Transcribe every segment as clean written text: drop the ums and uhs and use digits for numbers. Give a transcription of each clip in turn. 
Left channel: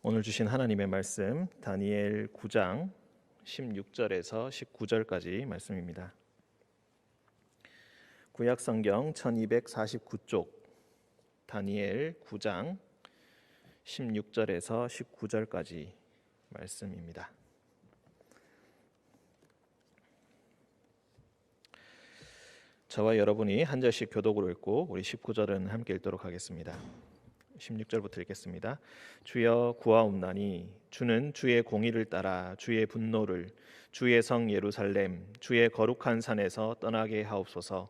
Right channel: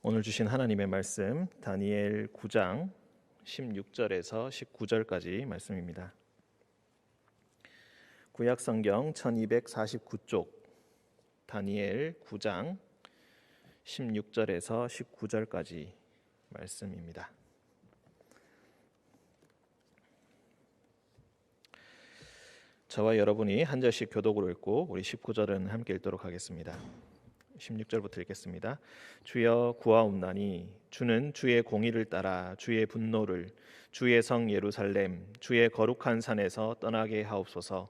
오늘 주신 하나님의 말씀 다니엘 9장 16절에서 19절까지 말씀입니다. 구약 성경 1249쪽 다니엘 9장 16절에서 19절까지 말씀입니다. 저와 여러분이 한 절씩 교독으로 읽고 우리 19절은 함께 읽도록 하겠습니다. 16절부터 읽겠습니다. 주여 구하옵나니 주는 주의 공의를 따라 주의 분노를 주의 성 예루살렘 주의 거룩한 산에서 떠나게 하옵소서.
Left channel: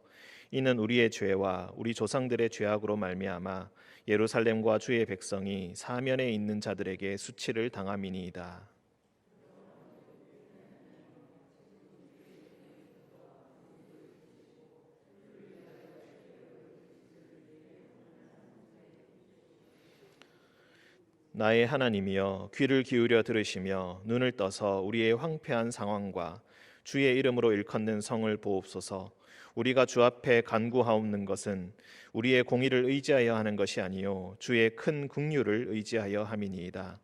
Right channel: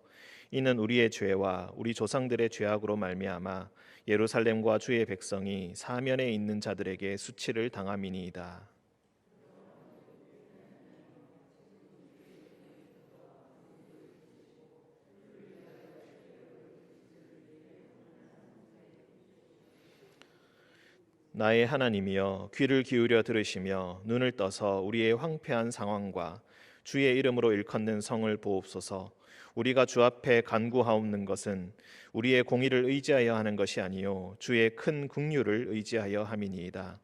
이는 우리의 죄와 우리 조상들의 죄악으로 말미암아 예루살렘과 주의 백성이 사면에 있는 자들에게 수치를 당함이니이다. 나의 하나님이여 귀를 기울여 들으시며 눈을 떠서 우리의 황폐한 상황과 주의 이름으로 일컫는 성을 보옵소서. 우리가 주 앞에 간구하옵는 것은 우리의 공의를 의지하여 하는 것이 아니요 주의 큰 긍휼을 의지하여 함이니이다.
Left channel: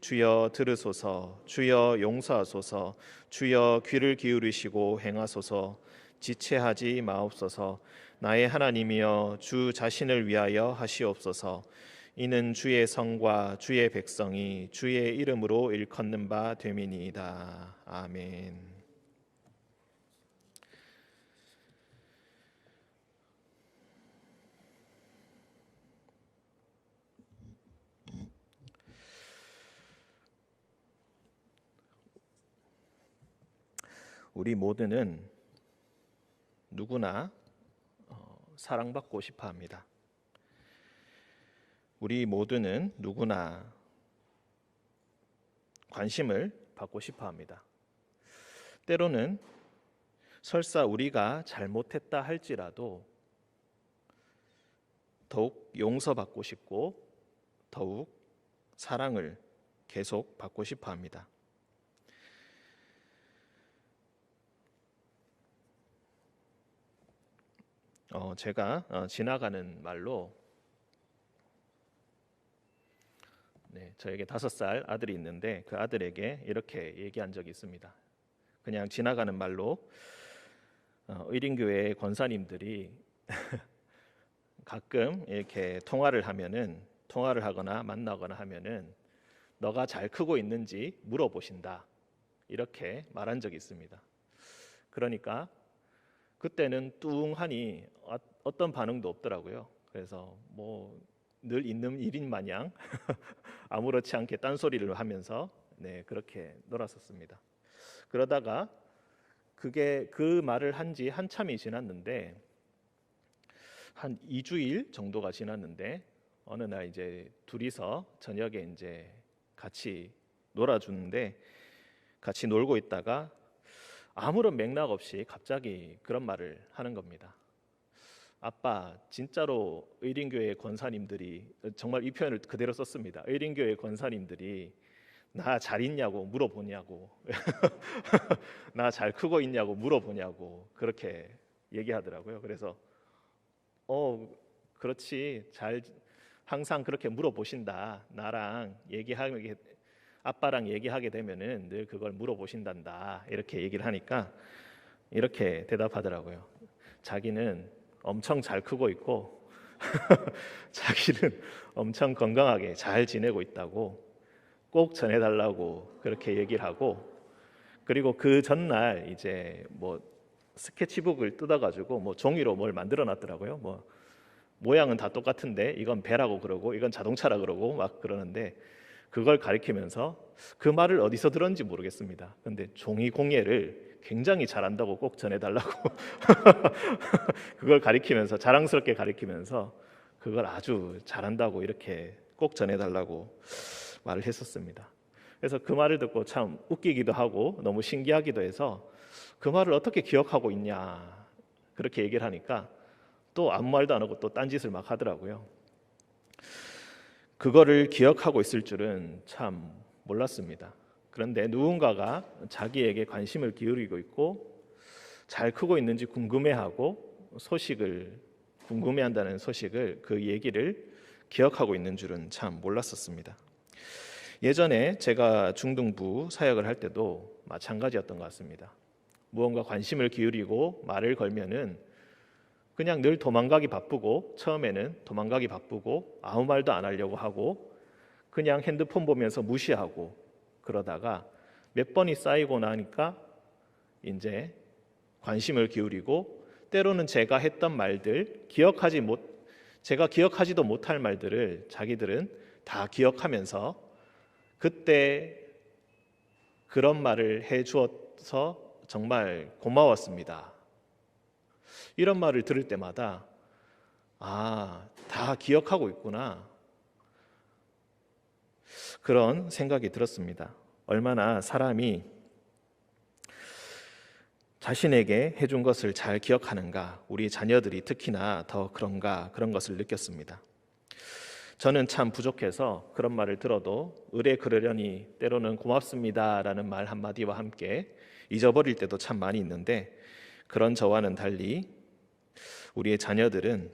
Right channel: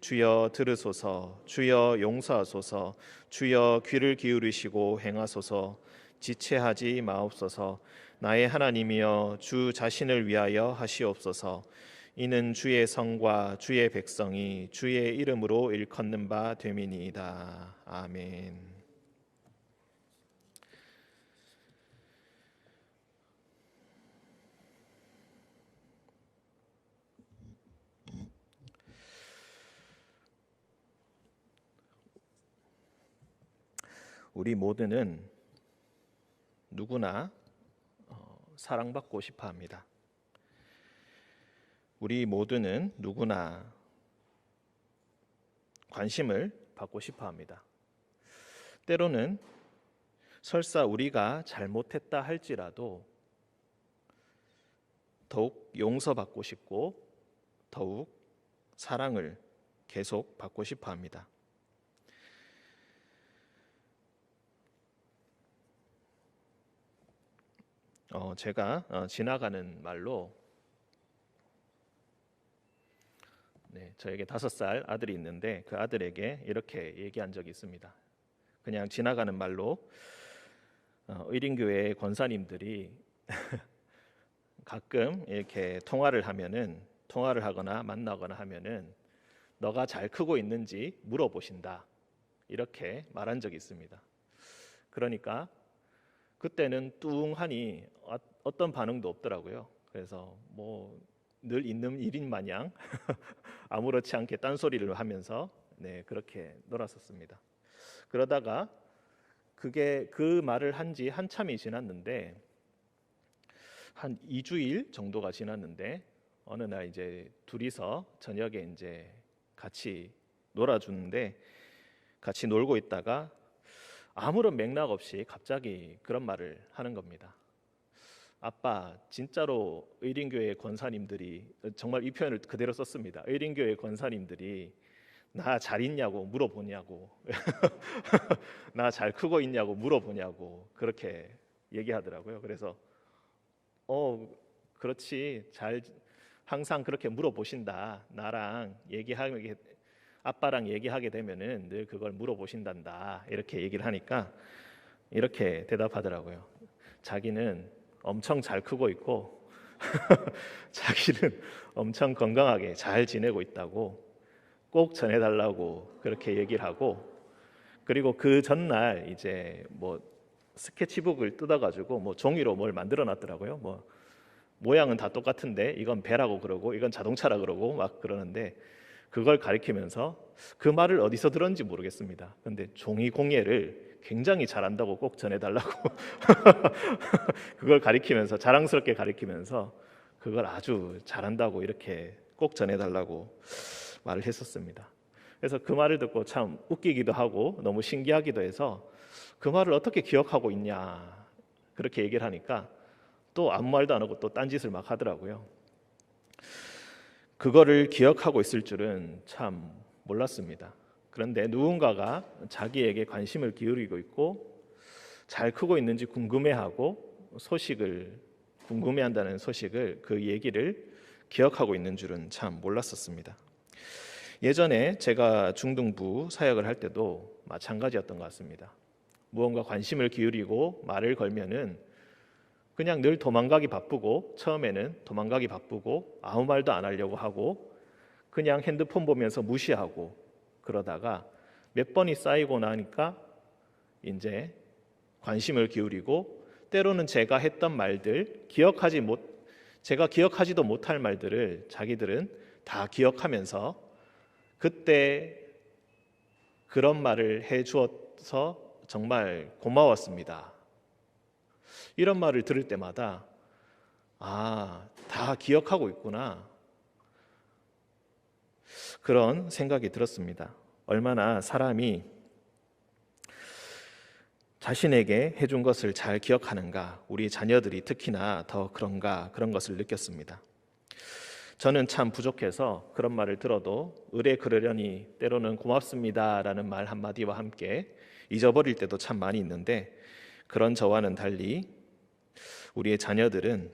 주여 들으소서. 주여 용서하소서. 주여 귀를 기울이시고 행하소서. 지체하지 마옵소서. 나의 하나님이여 주 자신을 위하여 하시옵소서. 이는 주의 성과 주의 백성이 주의 이름으로 일컫는 바 됨이니이다. 아멘. 우리 모두는 누구나 사랑받고 싶어 합니다. 우리 모두는 누구나 관심을 받고 싶어 합니다. 때로는 설사 우리가 잘못했다 할지라도 더욱 용서받고 싶고 더욱 사랑을 계속 받고 싶어 합니다. 제가 지나가는 말로 저에게 5살 아들이 있는데 그 아들에게 이렇게 얘기한 적이 있습니다. 그냥 지나가는 말로 의린교회 권사님들이 가끔 이렇게 통화를 하거나 만나거나 하면은 너가 잘 크고 있는지 물어보신다, 이렇게 말한 적이 있습니다. 그러니까 그때는 뚱하니 어떤 반응도 없더라고요. 그래서 늘 있는 일인 마냥 아무렇지 않게 딴소리를 하면서 그렇게 놀았었습니다. 그러다가 그 말을 한 지 한참이 지났는데 한 2주일 정도가 지났는데 어느 날 이제 둘이서 저녁에 이제 같이 놀아주는데 같이 놀고 있다가 아무런 맥락 없이 갑자기 그런 말을 하는 겁니다. 아빠, 진짜로 의린교회 권사님들이, 정말 이 표현을 그대로 썼습니다. 의린교회 권사님들이 나 잘 있냐고 물어보냐고 나 잘 크고 있냐고 물어보냐고 그렇게 얘기하더라고요. 그래서 그렇지, 항상 그렇게 물어보신다. 나랑 아빠랑 얘기하게 되면은 늘 그걸 물어보신단다, 이렇게 얘기를 하니까 이렇게 대답하더라고요. 자기는 엄청 잘 크고 있고 자기는 엄청 건강하게 잘 지내고 있다고 꼭 전해달라고 그렇게 얘기를 하고, 그리고 그 전날 이제 스케치북을 뜯어가지고 종이로 뭘 만들어놨더라고요. 모양은 다 똑같은데 이건 배라고 그러고 이건 자동차라 그러고 막 그러는데 그걸 가리키면서 그 말을 어디서 들었는지 모르겠습니다. 근데 종이 공예를 굉장히 잘한다고 꼭 전해달라고 그걸 가리키면서, 자랑스럽게 가리키면서 그걸 아주 잘한다고 이렇게 꼭 전해달라고 말을 했었습니다. 그래서 그 말을 듣고 참 웃기기도 하고 너무 신기하기도 해서 그 말을 어떻게 기억하고 있냐 그렇게 얘기를 하니까 또 아무 말도 안 하고 또 딴짓을 막 하더라고요. 그거를 기억하고 있을 줄은 참 몰랐습니다. 그런데 누군가가 자기에게 관심을 기울이고 있고 잘 크고 있는지 궁금해한다는 소식을, 그 얘기를 기억하고 있는 줄은 참 몰랐었습니다. 예전에 제가 중등부 사역을 할 때도 마찬가지였던 것 같습니다. 무언가 관심을 기울이고 말을 걸면은 그냥 늘 도망가기 바쁘고, 처음에는 도망가기 바쁘고 아무 말도 안 하려고 하고 그냥 핸드폰 보면서 무시하고, 그러다가 몇 번이 쌓이고 나니까 이제 관심을 기울이고, 때로는 제가 했던 말들, 제가 기억하지도 못할 말들을 자기들은 다 기억하면서 그때 그런 말을 해주어서 정말 고마웠습니다, 이런 말을 들을 때마다 다 기억하고 있구나, 그런 생각이 들었습니다. 얼마나 사람이 자신에게 해준 것을 잘 기억하는가, 우리 자녀들이 특히나 더 그런가, 그런 것을 느꼈습니다. 저는 참 부족해서 그런 말을 들어도 의뢰 그러려니 때로는 고맙습니다라는 말 한마디와 함께 잊어버릴 때도 참 많이 있는데, 그런 저와는 달리 우리의 자녀들은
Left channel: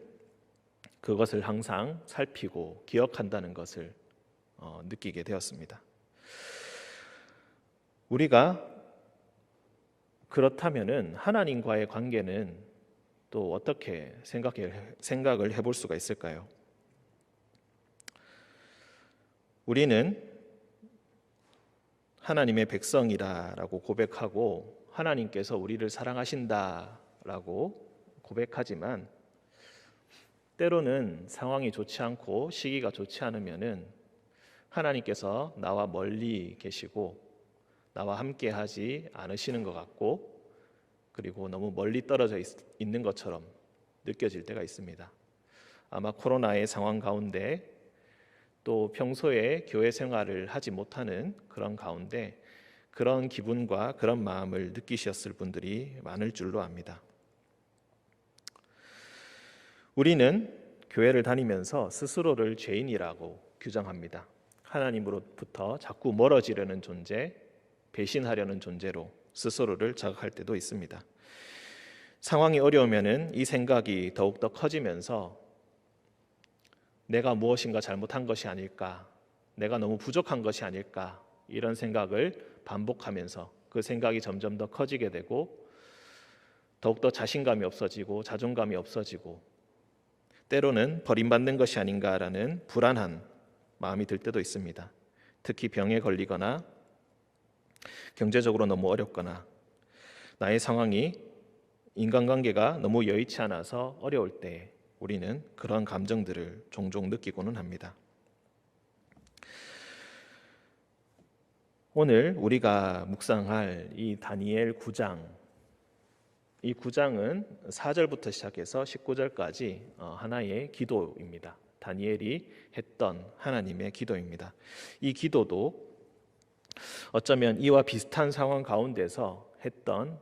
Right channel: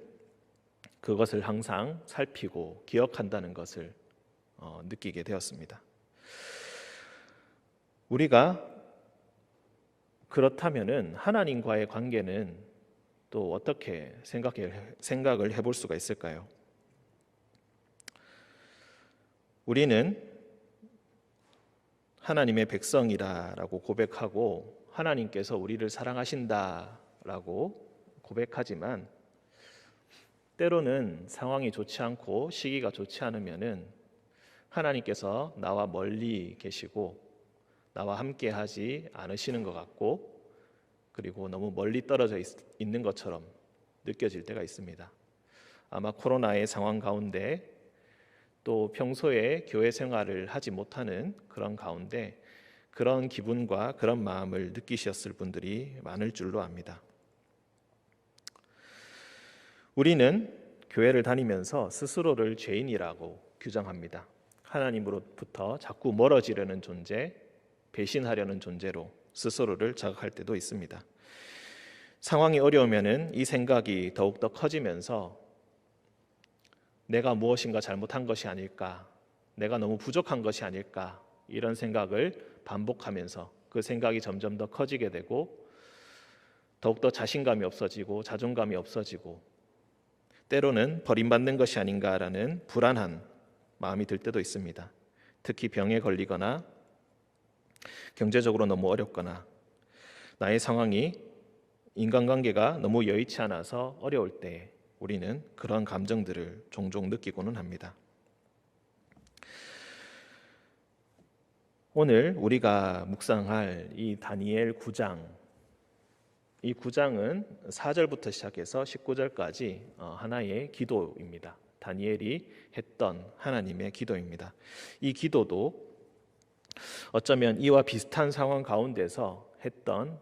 그것을 항상 살피고 기억한다는 것을 느끼게 되었습니다. 우리가 그렇다면은 하나님과의 관계는 또 어떻게 생각을 해볼 수가 있을까요? 우리는 하나님의 백성이라고 고백하고 하나님께서 우리를 사랑하신다라고 고백하지만, 때로는 상황이 좋지 않고 시기가 좋지 않으면은 하나님께서 나와 멀리 계시고 나와 함께 하지 않으시는 것 같고, 그리고 너무 멀리 떨어져 있는 것처럼 느껴질 때가 있습니다. 아마 코로나의 상황 가운데, 또 평소에 교회 생활을 하지 못하는 그런 가운데 그런 기분과 그런 마음을 느끼셨을 분들이 많을 줄로 압니다. 우리는 교회를 다니면서 스스로를 죄인이라고 규정합니다. 하나님으로부터 자꾸 멀어지려는 존재, 배신하려는 존재로 스스로를 자각할 때도 있습니다. 상황이 어려우면은 이 생각이 더욱더 커지면서 내가 무엇인가 잘못한 것이 아닐까, 내가 너무 부족한 것이 아닐까, 이런 생각을 반복하면서 그 생각이 점점 더 커지게 되고 더욱더 자신감이 없어지고 자존감이 없어지고, 때로는 버림받는 것이 아닌가라는 불안한 마음이 들 때도 있습니다. 특히 병에 걸리거나 경제적으로 너무 어렵거나 나의 상황이, 인간관계가 너무 여의치 않아서 어려울 때 우리는 그런 감정들을 종종 느끼고는 합니다. 오늘 우리가 묵상할 이 다니엘 9장, 이 9장은 4절부터 시작해서 19절까지 하나의 기도입니다. 다니엘이 했던 하나님의 기도입니다. 이 기도도 어쩌면 이와 비슷한 상황 가운데서 했던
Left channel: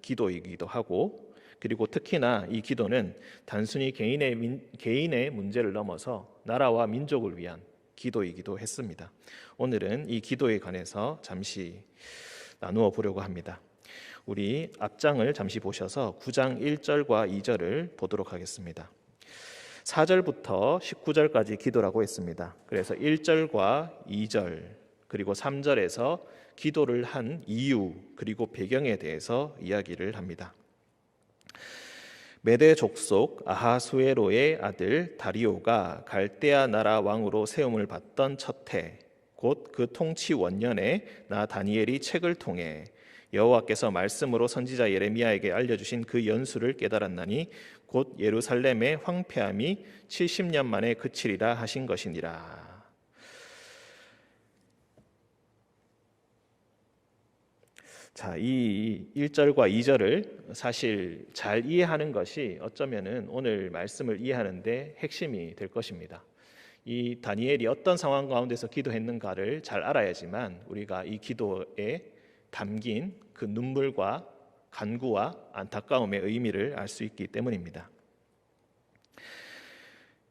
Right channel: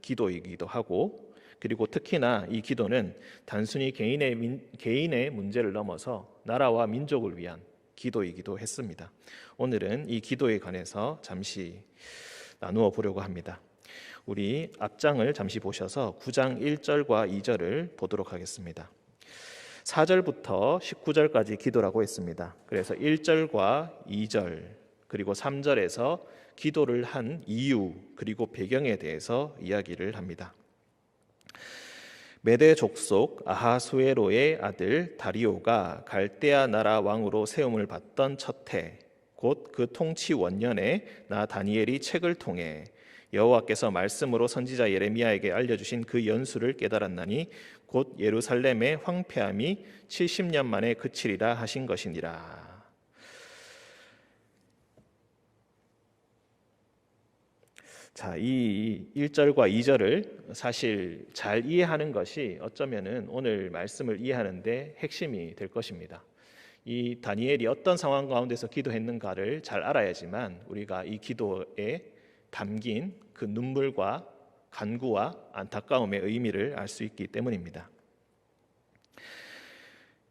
기도이기도 하고, 그리고 특히나 이 기도는 단순히 개인의 문제를 넘어서 나라와 민족을 위한 기도이기도 했습니다. 오늘은 이 기도에 관해서 잠시 나누어 보려고 합니다. 우리 앞장을 잠시 보셔서 9장 1절과 2절을 보도록 하겠습니다. 4절부터 19절까지 기도라고 했습니다. 그래서 1절과 2절 그리고 3절에서 기도를 한 이유 그리고 배경에 대해서 이야기를 합니다. 메대 족속 아하수에로의 아들 다리오가 갈대아 나라 왕으로 세움을 받던 첫 해, 곧 그 통치 원년에 나 다니엘이 책을 통해 여호와께서 말씀으로 선지자 예레미야에게 알려주신 그 연수를 깨달았나니 곧 예루살렘의 황폐함이 70년 만에 그치리라 하신 것이니라. 자, 이 1절과 2절을 사실 잘 이해하는 것이 어쩌면은 오늘 말씀을 이해하는데 핵심이 될 것입니다. 이 다니엘이 어떤 상황 가운데서 기도했는가를 잘 알아야지만 우리가 이 기도에 담긴 그 눈물과 간구와 안타까움의 의미를 알 수 있기 때문입니다.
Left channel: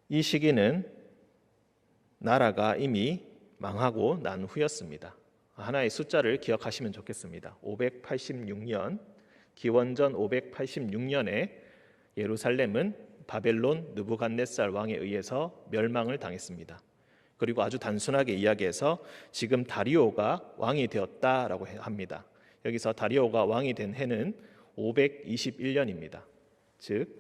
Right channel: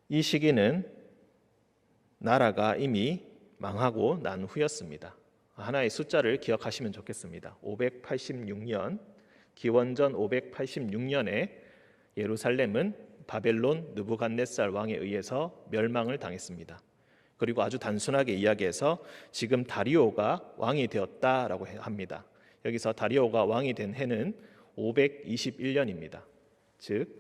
이 시기는 나라가 이미 망하고 난 후였습니다. 하나의 숫자를 기억하시면 좋겠습니다. 586년, 기원전 586년에 예루살렘은 바벨론 느부갓네살 왕에 의해서 멸망을 당했습니다. 그리고 아주 단순하게 이야기해서 지금 다리오가 왕이 되었다라고 합니다. 여기서 다리오가 왕이 된 해는 521년입니다. 즉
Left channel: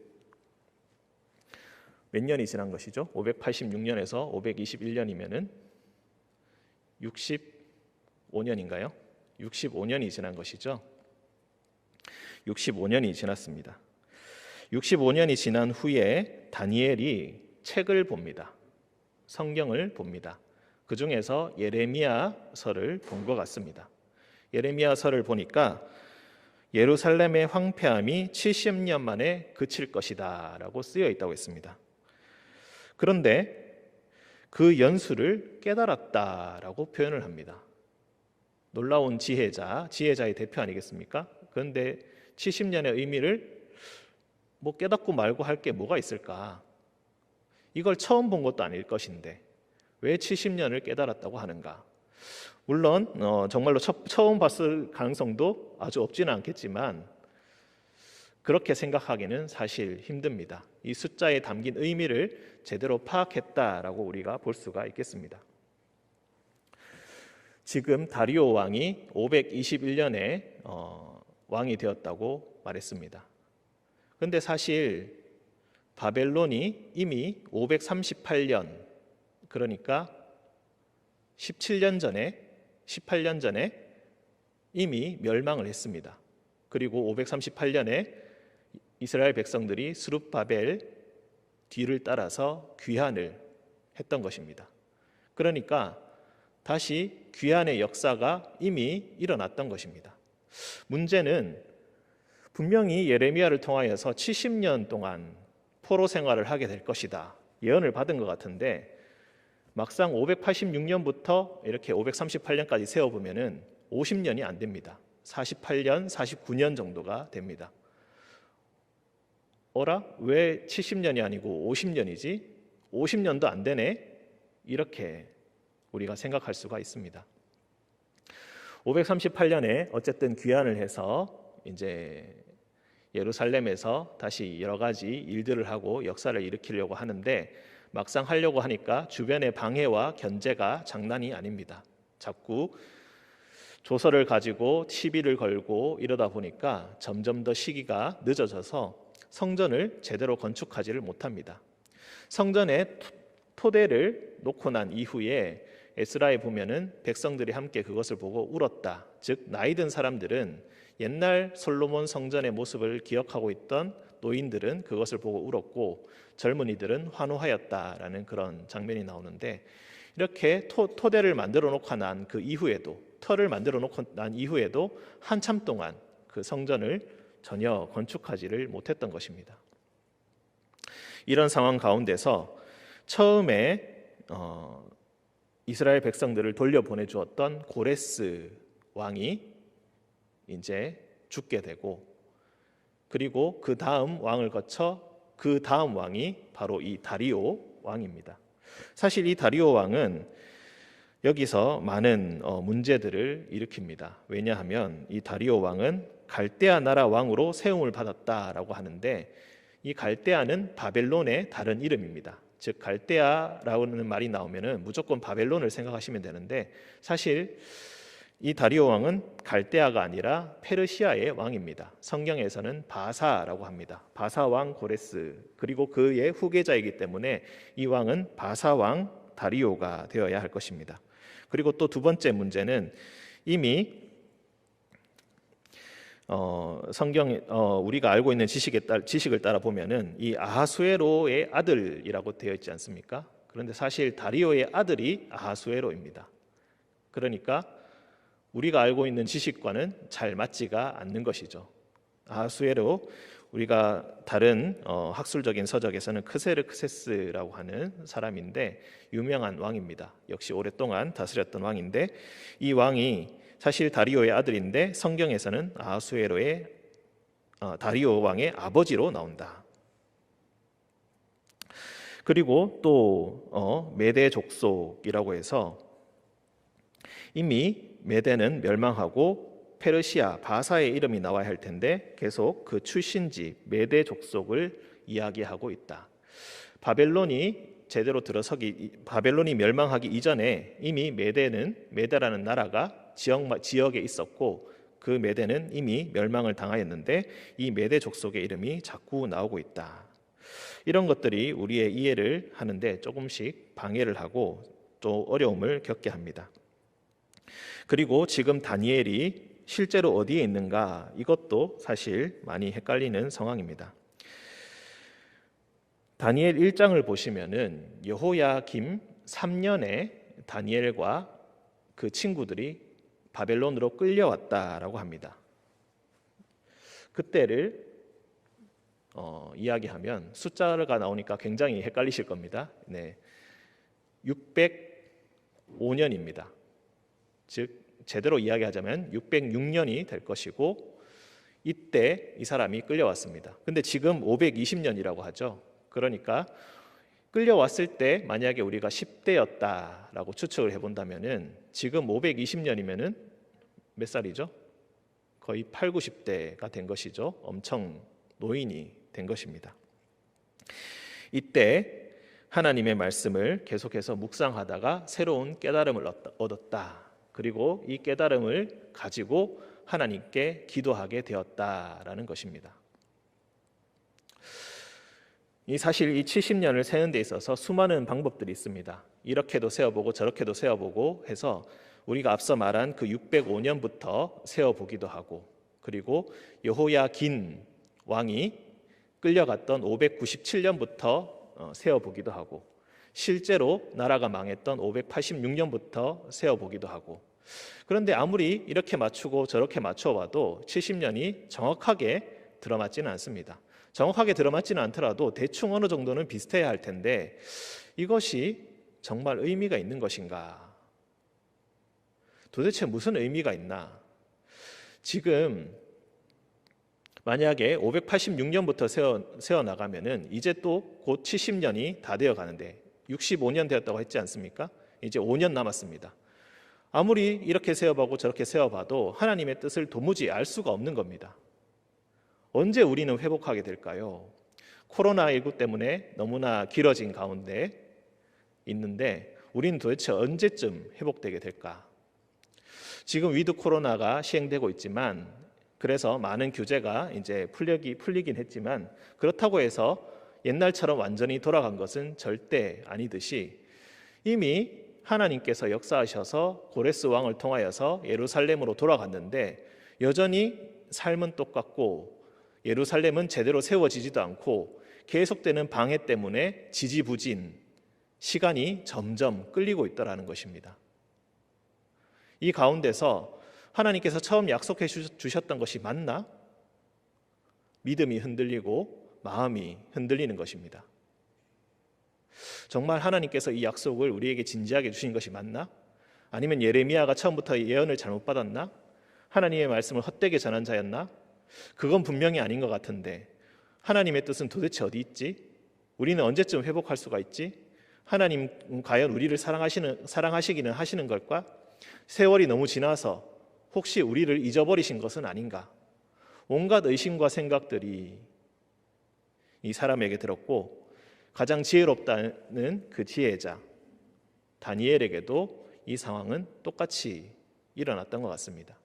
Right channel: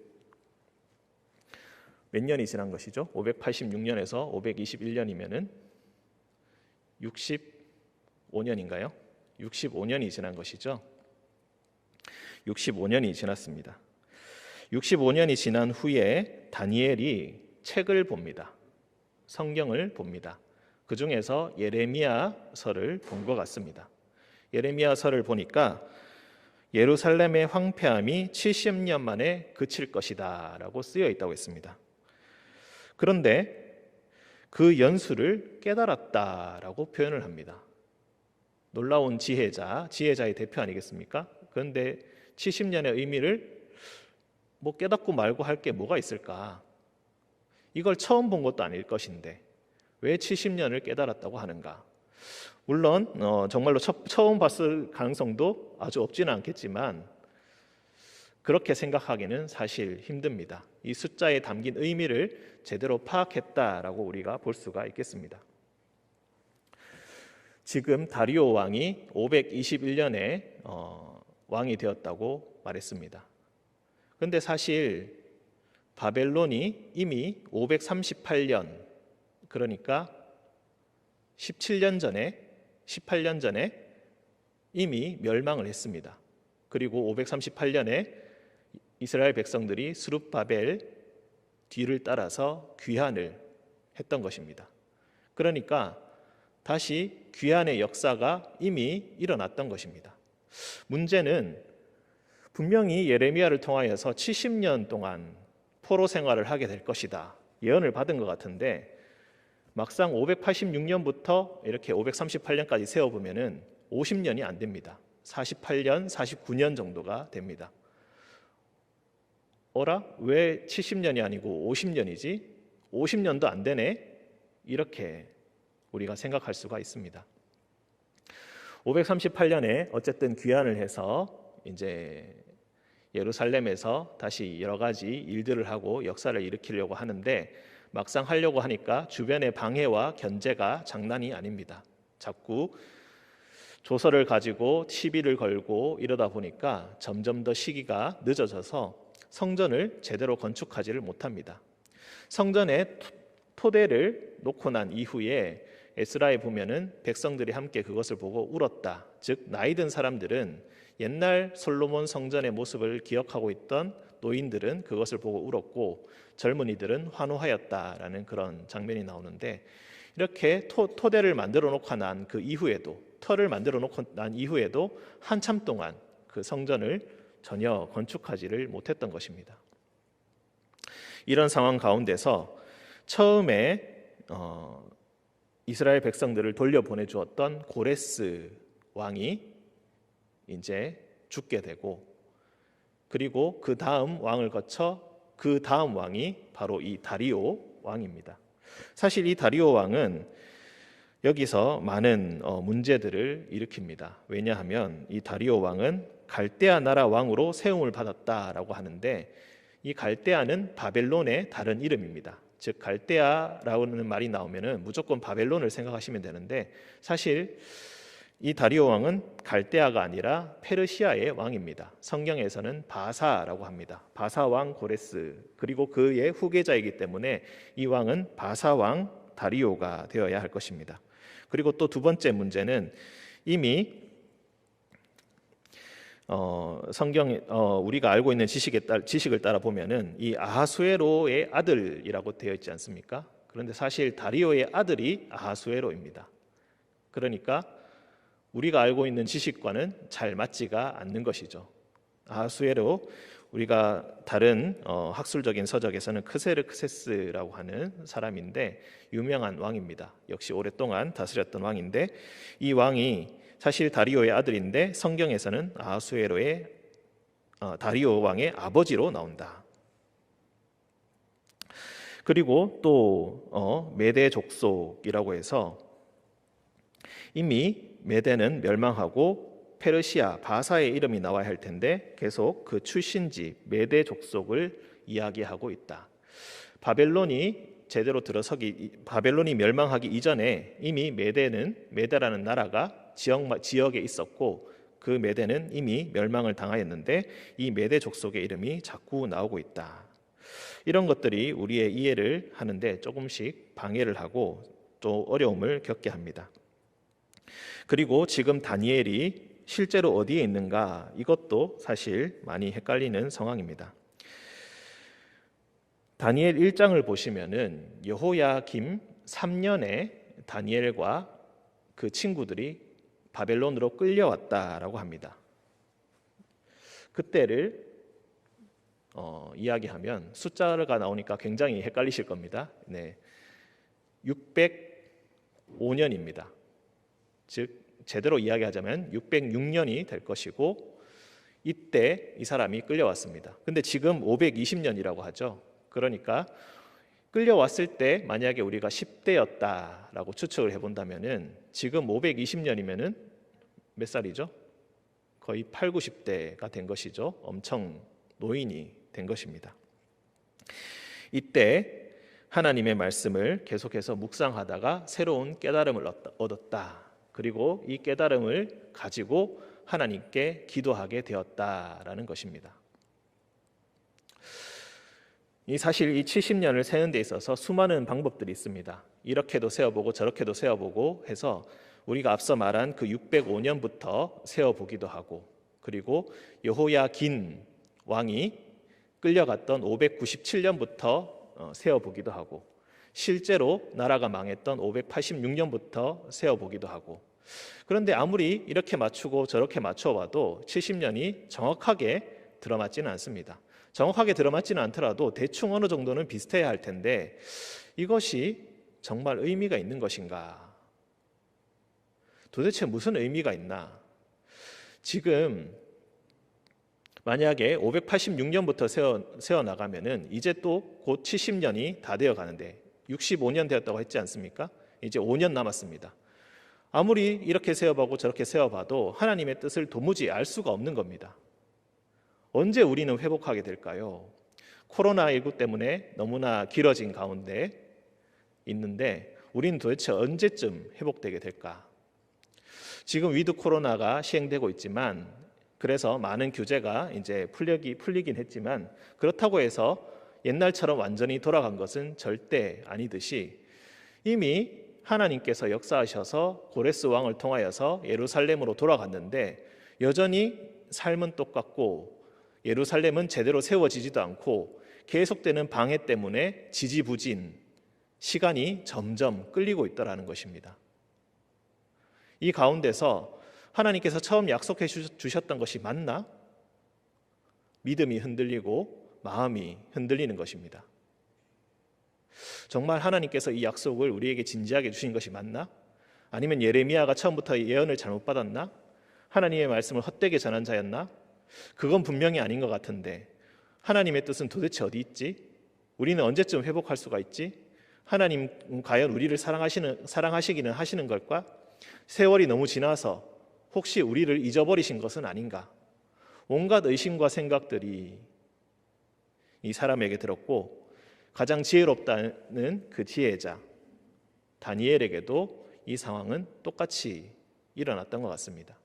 몇 년이 지난 것이죠? 586년에서 521년이면은 65년인가요? 65년이 지난 것이죠. 65년이 지났습니다. 65년이 지난 후에 다니엘이 책을 봅니다. 성경을 봅니다. 그 중에서 예레미야서를 본 것 같습니다. 예레미야서를 보니까 예루살렘의 황폐함이 70년 만에 그칠 것이다 라고 쓰여 있다고 했습니다. 그런데 그 연수를 깨달았다라고 표현을 합니다. 놀라운 지혜자의 대표 아니겠습니까? 그런데 70년의 의미를 깨닫고 말고 할 게 뭐가 있을까? 이걸 처음 본 것도 아닐 것인데 왜 70년을 깨달았다고 하는가? 물론 정말로 처음 봤을 가능성도 아주 없지는 않겠지만 그렇게 생각하기는 사실 힘듭니다. 이 숫자에 담긴 의미를 제대로 파악했다라고 우리가 볼 수가 있겠습니다. 지금 다리오 왕이 521년에 왕이 되었다고 말했습니다. 그런데 사실 바벨론이 이미 538년, 그러니까 18년 전에 이미 멸망을 했습니다. 그리고 538년에 이스라엘 백성들이 스룹바벨 뒤를 따라서 귀환을 했던 것입니다. 그러니까 다시 귀환의 역사가 이미 일어났던 것입니다. 문제는 분명히 예레미야를 통하여서 70년 동안 포로 생활을 하게 될 것이다 예언을 받은 것 같은데 막상 586년부터 이렇게 538년까지 세어보면은 50년이 안 됩니다. 48년, 49년 정도가 됩니다. 어라? 왜 70년이 아니고 50년이지? 50년도 안 되네? 이렇게 우리가 생각할 수가 있습니다. 538년에 어쨌든 귀환을 해서 이제 예루살렘에서 다시 여러 가지 일들을 하고 역사를 일으키려고 하는데 막상 하려고 하니까 주변의 방해와 견제가 장난이 아닙니다. 자꾸 조서를 가지고 시비를 걸고 이러다 보니까 점점 더 시기가 늦어져서 성전을 제대로 건축하지를 못합니다. 성전에 토대를 놓고 난 이후에 에스라에 보면은 백성들이 함께 그것을 보고 울었다. 즉 나이 든 사람들은 옛날 솔로몬 성전의 모습을 기억하고 있던 노인들은 그것을 보고 울었고 젊은이들은 환호하였다라는 그런 장면이 나오는데 이렇게 토대를 만들어 놓고 난 그 이후에도 터를 만들어 놓고 난 이후에도 한참 동안 그 성전을 전혀 건축하지를 못했던 것입니다. 이런 상황 가운데서 처음에 이스라엘 백성들을 돌려보내 주었던 고레스 왕이 이제 죽게 되고 그리고 그 다음 왕을 거쳐 그 다음 왕이 바로 이 다리오 왕입니다. 사실 이 다리오 왕은 여기서 많은 문제들을 일으킵니다. 왜냐하면 이 다리오 왕은 갈대아 나라 왕으로 세움을 받았다라고 하는데 이 갈대아는 바벨론의 다른 이름입니다. 즉 갈대아라는 말이 나오면은 무조건 바벨론을 생각하시면 되는데 사실 이 다리오 왕은 갈대아가 아니라 페르시아의 왕입니다. 성경에서는 바사라고 합니다. 바사 왕 고레스 그리고 그의 후계자이기 때문에 이 왕은 바사 왕 다리오가 되어야 할 것입니다. 그리고 또 두 번째 문제는 이미 우리가 알고 있는 지식을 따라 보면은 이 아하수에로의 아들이라고 되어 있지 않습니까? 그런데 사실 다리오의 아들이 아하수에로입니다. 그러니까 우리가 알고 있는 지식과는 잘 맞지가 않는 것이죠. 아하수에로 우리가 다른 학술적인 서적에서는 크세르크세스라고 하는 사람인데 유명한 왕입니다. 역시 오랫동안 다스렸던 왕인데 이 왕이 사실 다리오의 아들인데 성경에서는 아하수에로의 다리오 왕의 아버지로 나온다. 그리고 또 메대 족속이라고 해서 이미 메대는 멸망하고 페르시아 바사의 이름이 나와야 할 텐데 계속 그 출신지 메대 족속을 이야기하고 있다. 바벨론이 제대로 바벨론이 멸망하기 이전에 이미 메대라는 나라가 지역에 있었고, 그 메대는 이미 멸망을 당하였는데 이 메대 족속의 이름이 자꾸 나오고 있다. 이런 것들이 우리의 이해를 하는데 조금씩 방해를 하고 또 어려움을 겪게 합니다. 그리고 지금 다니엘이 실제로 어디에 있는가, 이것도 사실 많이 헷갈리는 상황입니다. 다니엘 1장을 보시면은 여호야김 3년에 다니엘과 그 친구들이 바벨론으로 끌려왔다라고 합니다. 그때를 이야기하면 숫자가 나오니까 굉장히 헷갈리실 겁니다. 605년입니다. 즉 제대로 이야기하자면 606년이 될 것이고, 이때 이 사람이 끌려왔습니다. 근데 지금 520년이라고 하죠. 그러니까 끌려왔을 때 만약에 우리가 10대였다라고 추측을 해본다면은 지금 520년이면은 몇 살이죠? 거의 8, 90대가 된 것이죠. 엄청 노인이 된 것입니다. 이때 하나님의 말씀을 계속해서 묵상하다가 새로운 깨달음을 얻었다. 그리고 이 깨달음을 가지고 하나님께 기도하게 되었다라는 것입니다. 사실 이 70년을 세는 데 있어서 수많은 방법들이 있습니다. 이렇게도 세어보고 저렇게도 세어보고 해서 우리가 앞서 말한 그 605년부터 세어보기도 하고, 그리고 여호야긴 왕이 끌려갔던 597년부터 세어보기도 하고, 실제로 나라가 망했던 586년부터 세어보기도 하고, 그런데 아무리 이렇게 맞추고 저렇게 맞춰봐도 70년이 정확하게 들어맞지는 않습니다. 정확하게 들어맞지는 않더라도 대충 어느 정도는 비슷해야 할 텐데 이것이 정말 의미가 있는 것인가? 도대체 무슨 의미가 있나? 지금 만약에 586년부터 세어나가면은 이제 또 곧 70년이 다 되어 가는데 65년 되었다고 했지 않습니까? 이제 5년 남았습니다. 아무리 이렇게 세어보고 저렇게 세어봐도 하나님의 뜻을 도무지 알 수가 없는 겁니다. 언제 우리는 회복하게 될까요? 코로나19 때문에 너무나 길어진 가운데 있는데 우리는 도대체 언제쯤 회복되게 될까? 지금 위드 코로나가 시행되고 있지만, 그래서 많은 규제가 이제 풀리긴 했지만, 그렇다고 해서 옛날처럼 완전히 돌아간 것은 절대 아니듯이 이미 하나님께서 역사하셔서 고레스 왕을 통하여서 예루살렘으로 돌아갔는데 여전히 삶은 똑같고 예루살렘은 제대로 세워지지도 않고 계속되는 방해 때문에 지지부진, 시간이 점점 끌리고 있다라는 것입니다. 이 가운데서 하나님께서 처음 약속해 주셨던 것이 맞나? 믿음이 흔들리고 마음이 흔들리는 것입니다. 정말 하나님께서 이 약속을 우리에게 진지하게 주신 것이 맞나? 아니면 예레미야가 처음부터 예언을 잘못 받았나? 하나님의 말씀을 헛되게 전한 자였나? 그건 분명히 아닌 것 같은데 하나님의 뜻은 도대체 어디 있지? 우리는 언제쯤 회복할 수가 있지? 하나님 과연 우리를 사랑하시기는 하시는 걸까? 세월이 너무 지나서 혹시 우리를 잊어버리신 것은 아닌가? 온갖 의심과 생각들이 이 사람에게 들었고, 가장 지혜롭다는 그 지혜자 다니엘에게도 이 상황은 똑같이 일어났던 것 같습니다.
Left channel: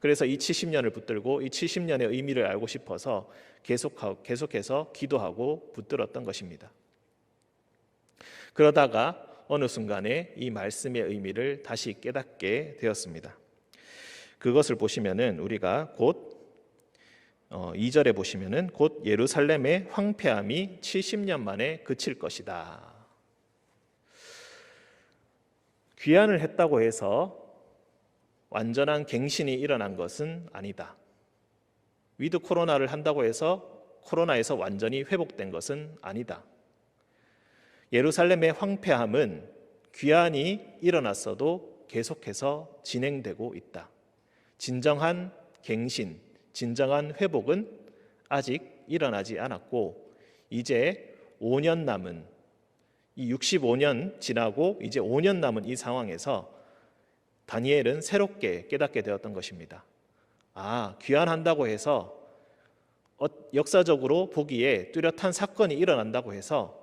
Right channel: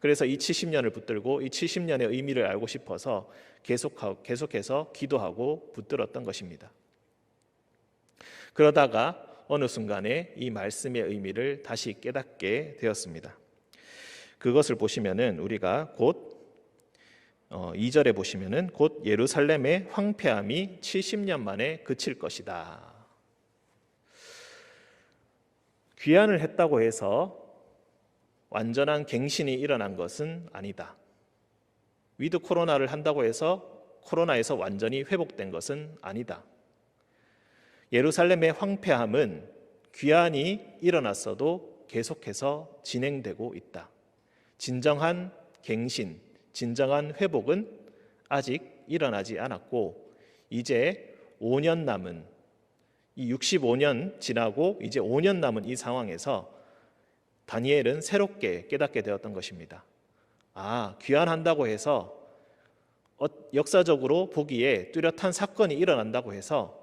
그래서 이 70년을 붙들고 이 70년의 의미를 알고 싶어서 계속해서 기도하고 붙들었던 것입니다. 그러다가 어느 순간에 이 말씀의 의미를 다시 깨닫게 되었습니다. 그것을 보시면은 우리가 곧 2절에 보시면은 곧 예루살렘의 황폐함이 70년 만에 그칠 것이다. 귀환을 했다고 해서 완전한 갱신이 일어난 것은 아니다. 위드 코로나를 한다고 해서 코로나에서 완전히 회복된 것은 아니다. 예루살렘의 황폐함은 귀환이 일어났어도 계속해서 진행되고 있다. 진정한 갱신, 진정한 회복은 아직 일어나지 않았고, 이제 5년 남은 이 65년 지나고 이제 5년 남은 이 상황에서 다니엘은 새롭게 깨닫게 되었던 것입니다. 귀환한다고 해서 역사적으로 보기에 뚜렷한 사건이 일어난다고 해서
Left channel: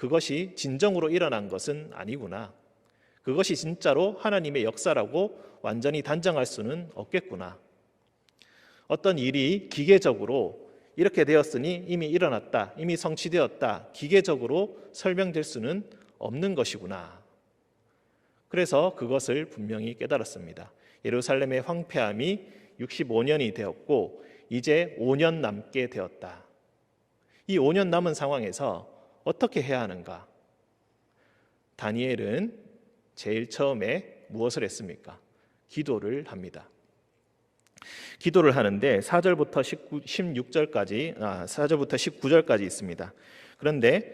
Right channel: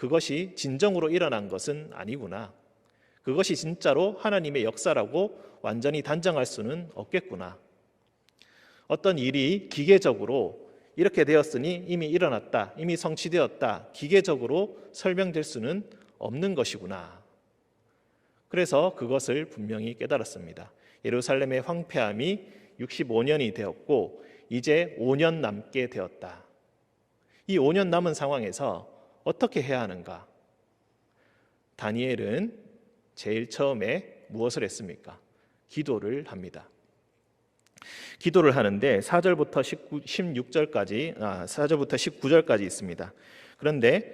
그것이 진정으로 일어난 것은 아니구나. 그것이 진짜로 하나님의 역사라고 완전히 단정할 수는 없겠구나. 어떤 일이 기계적으로 이렇게 되었으니 이미 일어났다, 이미 성취되었다, 기계적으로 설명될 수는 없는 것이구나. 그래서 그것을 분명히 깨달았습니다. 예루살렘의 황폐함이 65년이 되었고 이제 5년 남게 되었다. 이 5년 남은 상황에서 어떻게 해야 하는가? 다니엘은 제일 처음에 무엇을 했습니까? 기도를 합니다. 기도를 하는데 4절부터 19절까지 있습니다. 그런데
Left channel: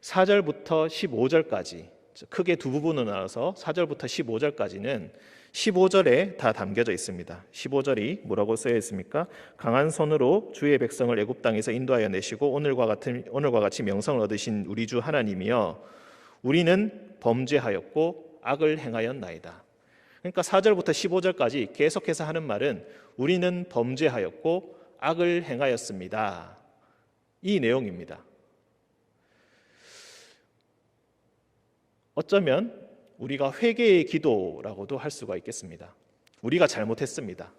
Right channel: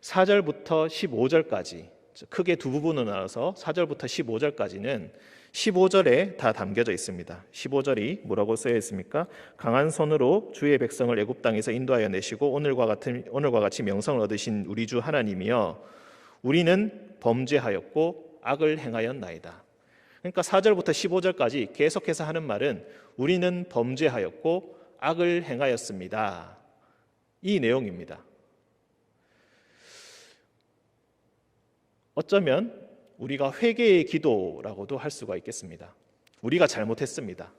4절부터 15절까지 크게 두 부분으로 나눠서 4절부터 15절까지는 15절에 다 담겨져 있습니다. 15절이 뭐라고 쓰여 있습니까? 강한 손으로 주의 백성을 애굽 땅에서 인도하여 내시고 오늘과 같이 명성을 얻으신 우리 주 하나님이여 우리는 범죄하였고 악을 행하였나이다. 그러니까 4절부터 15절까지 계속해서 하는 말은 우리는 범죄하였고 악을 행하였습니다. 이 내용입니다. 어쩌면 우리가 회개의 기도라고도 할 수가 있겠습니다. 우리가 잘못했습니다.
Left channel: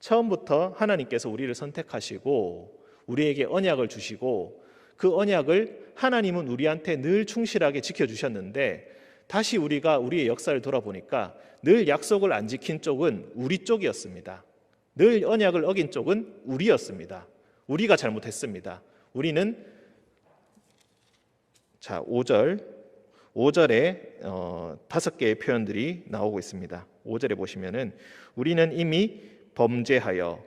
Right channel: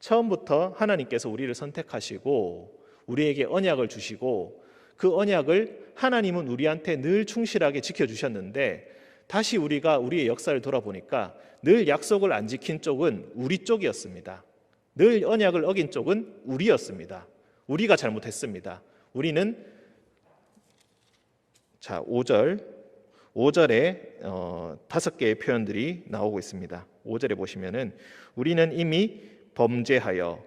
처음부터 하나님께서 우리를 선택하시고 우리에게 언약을 주시고 그 언약을 하나님은 우리한테 늘 충실하게 지켜주셨는데 다시 우리가 우리의 역사를 돌아보니까 늘 약속을 안 지킨 쪽은 우리 쪽이었습니다. 늘 언약을 어긴 쪽은 우리였습니다. 우리가 잘못했습니다. 우리는 5절에 5개의 표현들이 나오고 있습니다. 5절에 보시면은 우리는 이미 범죄하여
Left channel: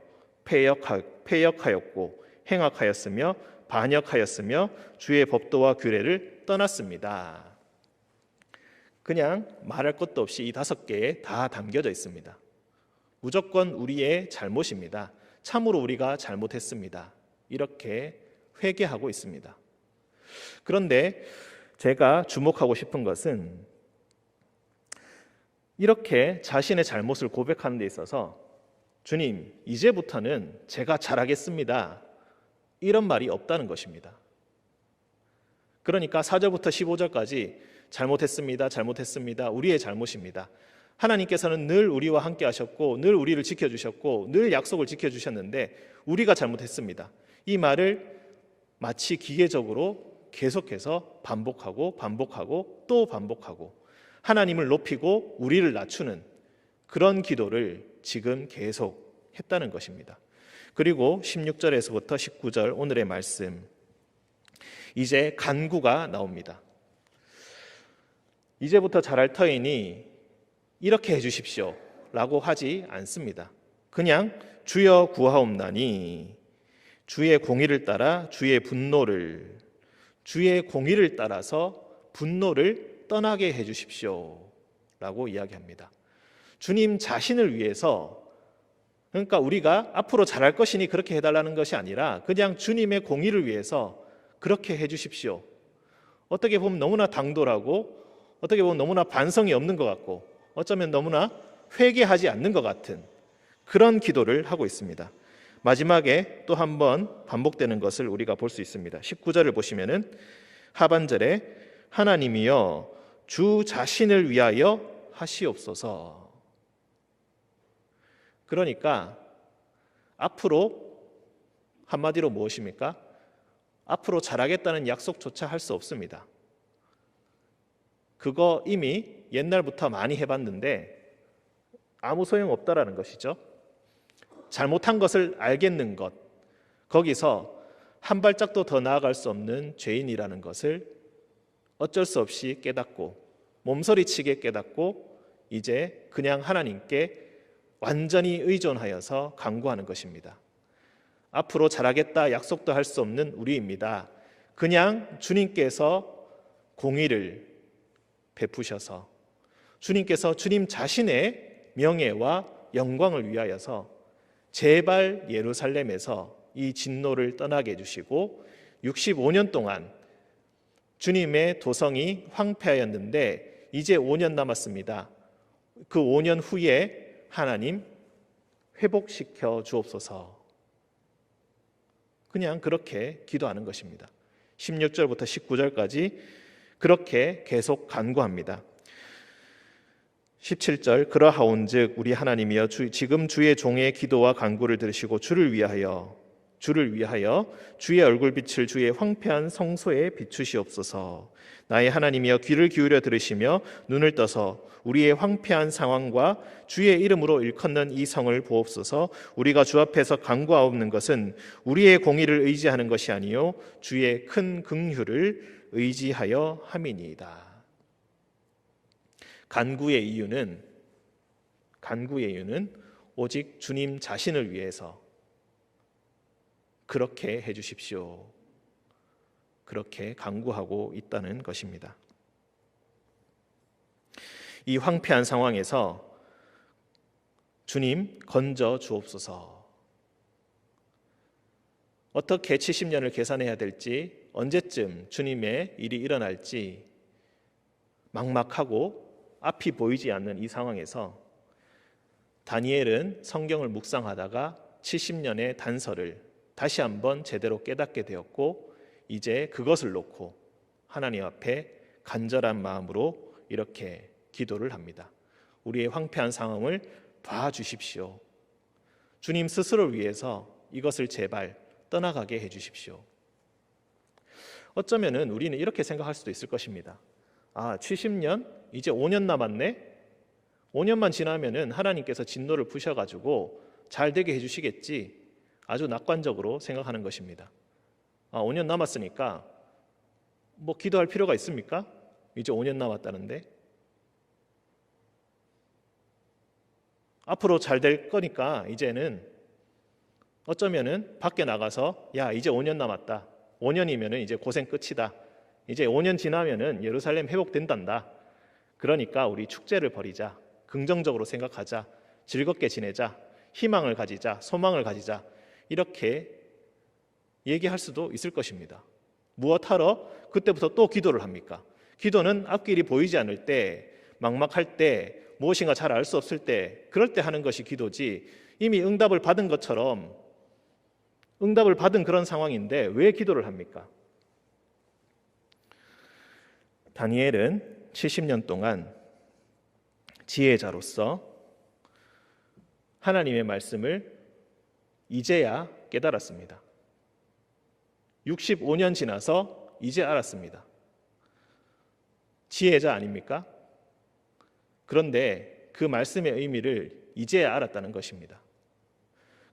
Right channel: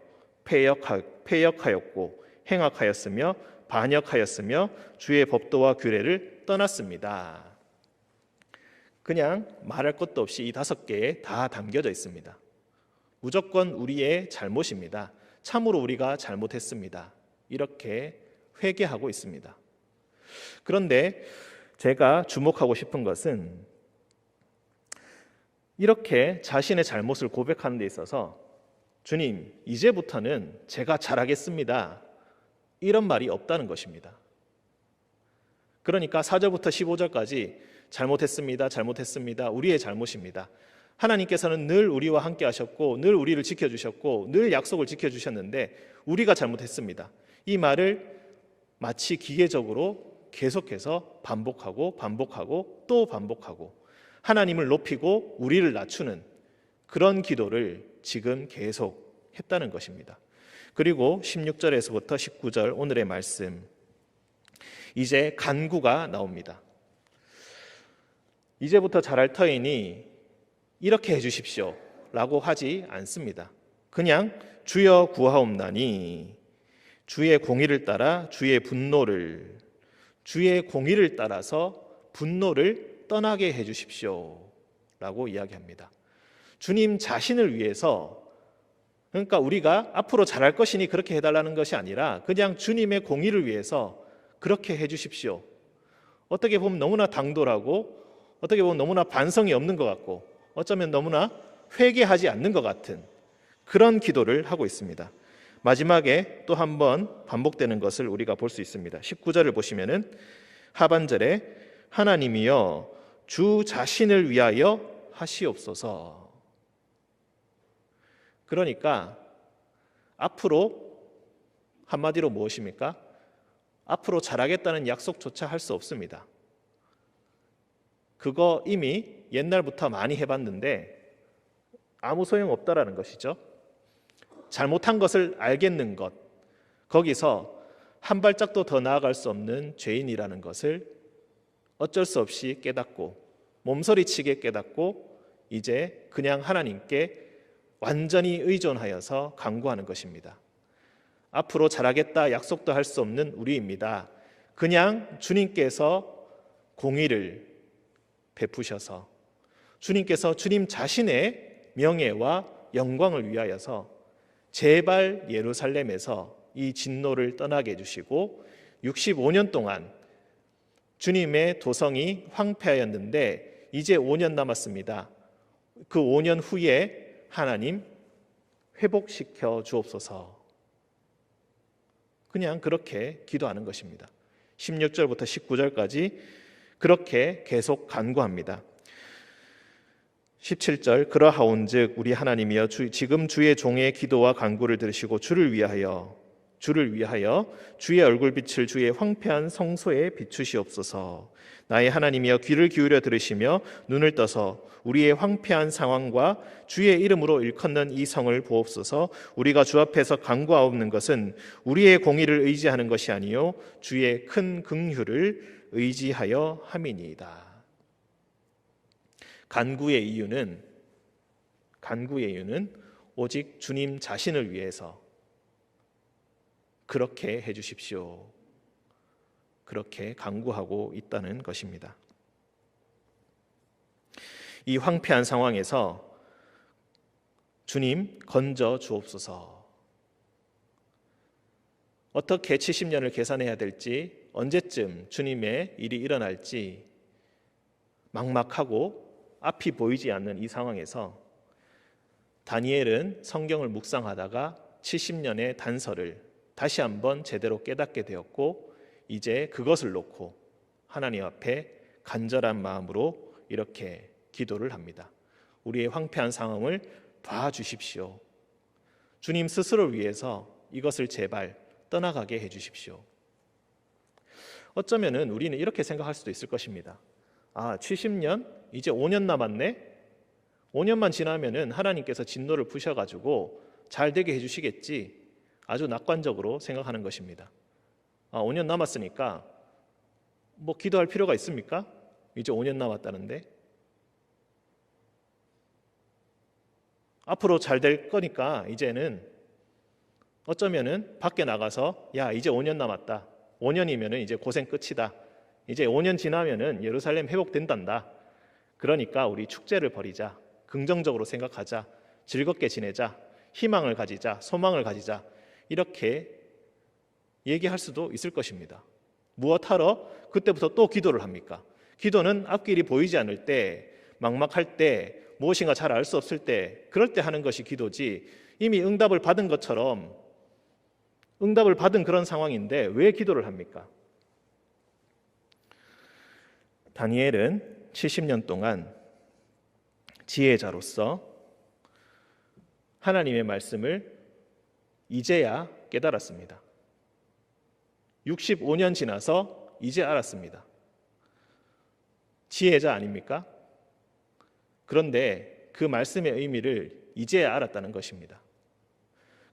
패역하였고 행악하였으며 반역하였으며 주의 법도와 규례를 떠났습니다. 그냥 말할 것도 없이 이 5개에 다 담겨져 있습니다. 무조건 우리의 잘못입니다. 참으로 우리가 잘못했습니다. 이렇게 회개하고 있습니다. 그런데 제가 주목하고 싶은 것은 이렇게 자신의 잘못을 고백하는 데 있어서 주님, 이제부터는 제가 잘하겠습니다. 이런 말이 없다는 것입니다. 그러니까 4절부터 15절까지 잘못했습니다. 우리의 잘못입니다. 하나님께서는 늘 우리와 함께 하셨고 늘 우리를 지켜주셨고 늘 약속을 지켜주셨는데 우리가 잘못했습니다. 이 말을 마치 기계적으로 계속해서 반복하고 또 반복하고 하나님을 높이고 우리를 낮추는 그런 기도를 지금 계속 했다는 것입니다. 그리고 16절에서부터 19절 오늘의 말씀, 이제 간구가 나옵니다. 이제부터 잘할 터이니 이렇게 해주십시오 라고 하지 않습니다. 그냥 주여 구하옵나니 주의 공의를 따라 주의 공의를 따라서 분노를 떠나게 해주십시오 라고 이야기합니다. 주님 자신을 위해서, 그러니까 우리가 앞으로 잘할 것이니 그렇게 해달라는 것이 아니라 그냥 주님의 공의를 위해서 그렇게 해주십시오. 어떻게 보면 너무나 당돌하고 어떻게 보면 너무나 반성이 없는 것 같고 어쩌면 너무나 회개하지 않는 것 같은 그런 기도를 하고 있습니다. 마지막에 또 한 번 반복되는 것을 우리가 볼 수 있습니다. 19절을 보시면은 하반절에 하나님이여 주 자신을 위하여 하시옵소서. 그러니까 앞으로 한마디로 무엇입니까? 앞으로 잘하겠다는 약속조차 할 수 없습니다. 그거 이미 옛날부터 많이 해봤는데 아무 소용없다라는 것이죠. 잘못한 것을 알겠는 것, 거기서 한 발짝도 더 나아갈 수 없는 죄인이라는 것을 어쩔 수 없이 깨닫고 몸서리치게 깨닫고 이제 그냥 하나님께 완전히 의존하여서 간구하는 것입니다. 앞으로 잘하겠다 약속도 할 수 없는 우리입니다. 그냥 주님께서 공의를 베푸셔서 주님께서 주님 자신의 명예와 영광을 위하여서 제발 예루살렘에서 이 진노를 떠나게 해주시고 65년 동안 주님의 도성이 황폐하였는데 이제 5년 남았습니다. 그 5년 후에 하나님 회복시켜 주옵소서. 그냥 그렇게 기도하는 것입니다. 16절부터 19절까지 그렇게 계속 간구합니다. 17절 그러하온즉 우리 하나님이여 지금 주의 종의 기도와 간구를 들으시고 주를 위하여 주의 얼굴빛을 주의 황폐한 성소에 비추시옵소서. 나의 하나님이여 귀를 기울여 들으시며 눈을 떠서 우리의 황폐한 상황과 주의 이름으로 일컫는 이 성을 보옵소서. 우리가 주 앞에서 간구하옵는 것은 우리의 공의를 의지하는 것이 아니요 주의 큰 긍휼을 의지하여 함이니이다. 간구의 이유는 오직 주님 자신을 위해서 그렇게 해주십시오. 그렇게 간구하고 있다는 것입니다. 이 황폐한 상황에서 주님 건져 주옵소서. 어떻게 70년을 계산해야 될지, 언제쯤 주님의 일이 일어날지 막막하고 앞이 보이지 않는 이 상황에서 다니엘은 성경을 묵상하다가 70년의 단서를 다시 한번 제대로 깨닫게 되었고, 이제 그것을 놓고 하나님 앞에 간절한 마음으로 이렇게 기도를 합니다. 우리의 황폐한 상황을 봐주십시오. 주님 스스로를 위해서 이것을 제발 떠나가게 해주십시오. 어쩌면은 우리는 이렇게 생각할 수도 있을 것입니다. 70년? 이제 5년 남았네? 5년만 지나면은 하나님께서 진노를 푸셔가지고 잘 되게 해주시겠지. 아주 낙관적으로 생각하는 것입니다. 5년 남았으니까 뭐 기도할 필요가 있습니까? 이제 5년 남았다는데. 앞으로 잘 될 거니까 이제는 어쩌면은 밖에 나가서 야 이제 5년 남았다. 5년이면은 이제 고생 끝이다. 이제 5년 지나면은 예루살렘 회복된단다. 그러니까 우리 축제를 벌이자. 긍정적으로 생각하자. 즐겁게 지내자. 희망을 가지자. 소망을 가지자. 이렇게 얘기할 수도 있을 것입니다. 무엇하러 그때부터 또 기도를 합니까? 기도는 앞길이 보이지 않을 때, 막막할 때, 무엇인가 잘 알 수 없을 때, 그럴 때 하는 것이 기도지, 이미 응답을 받은 것처럼 응답을 받은 그런 상황인데 왜 기도를 합니까? 다니엘은 70년 동안 지혜자로서 하나님의 말씀을 이제야 깨달았습니다. 65년 지나서 이제 알았습니다. 지혜자 아닙니까? 그런데 그 말씀의 의미를 이제야 알았다는 것입니다.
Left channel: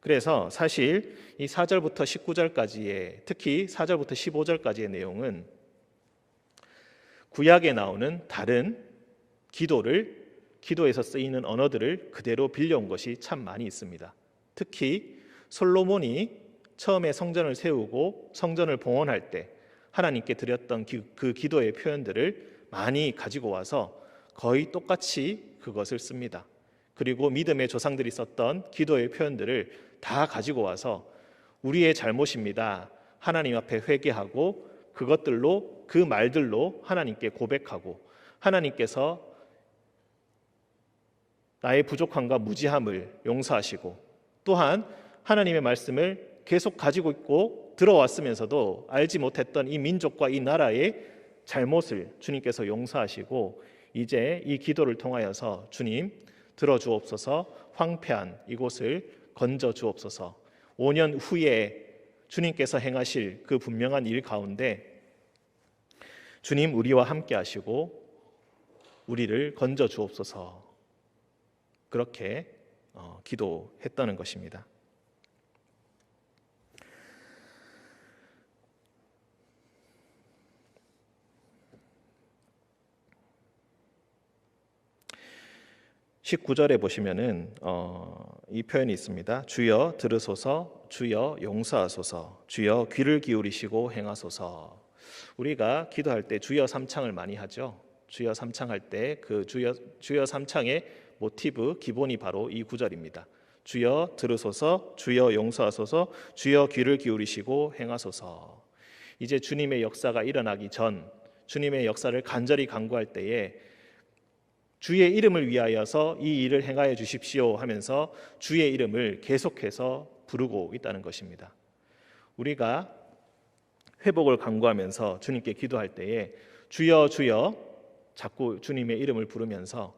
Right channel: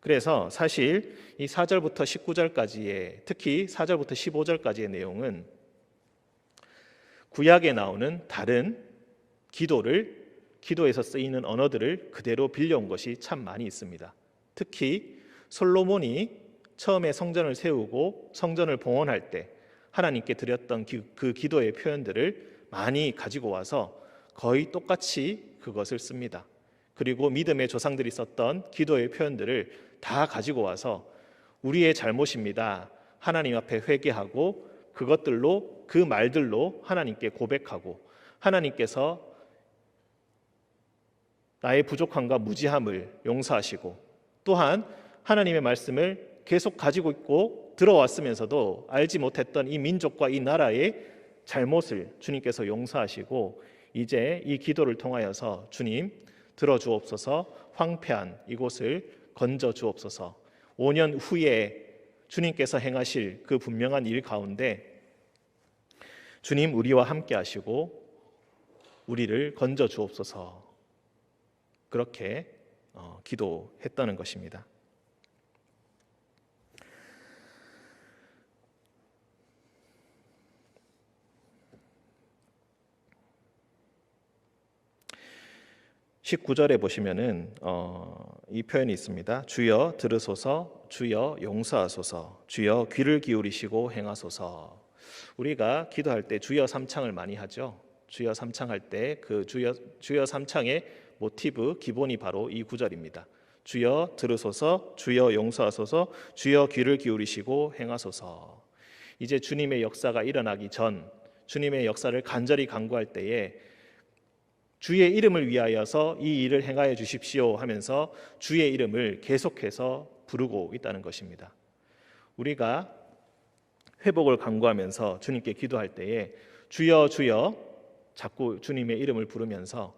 그래서 사실 이 4절부터 19절까지의, 특히 4절부터 15절까지의 내용은 구약에 나오는 다른 기도에서 쓰이는 언어들을 그대로 빌려온 것이 참 많이 있습니다. 특히 솔로몬이 처음에 성전을 세우고 성전을 봉헌할 때 하나님께 드렸던 그 기도의 표현들을 많이 가지고 와서 거의 똑같이 그것을 씁니다. 그리고 믿음의 조상들이 썼던 기도의 표현들을 다 가지고 와서 우리의 잘못입니다. 하나님 앞에 회개하고 그것들로, 그 말들로 하나님께 고백하고 하나님께서 나의 부족함과 무지함을 용서하시고 또한 하나님의 말씀을 계속 가지고 있고 들어왔으면서도 알지 못했던 이 민족과 이 나라의 잘못을 주님께서 용서하시고 이제 이 기도를 통하여서 주님 들어주옵소서, 황폐한 이곳을 건져주옵소서. 5년 후에 주님께서 행하실 그 분명한 일 가운데 주님 우리와 함께 하시고 우리를 건져주옵소서. 그렇게 기도했다는 것입니다. (19절에) 보시면은 이 표현이 있습니다. 주여 들으소서, 주여 용서하소서, 주여 귀를 기울이시고 행하소서. 우리가 기도할 때 주여 삼창을 많이 하죠. 주여 삼창할 때 그 주여 삼창의 모티브 기본이 바로 이 구절입니다. 주여 들으소서, 주여 용서하소서, 주여 귀를 기울이시고 행하소서. 이제 주님의 역사가 일어나기 전 주님의 역사를 간절히 간구할 때에 주의 이름을 위하여서 이 일을 행하여 주십시오 하면서 주의 이름을 계속해서 부르고 있다는 것입니다. 우리가 회복을 간구하면서 주님께 기도할 때에 주여 주여 자꾸 주님의 이름을 부르면서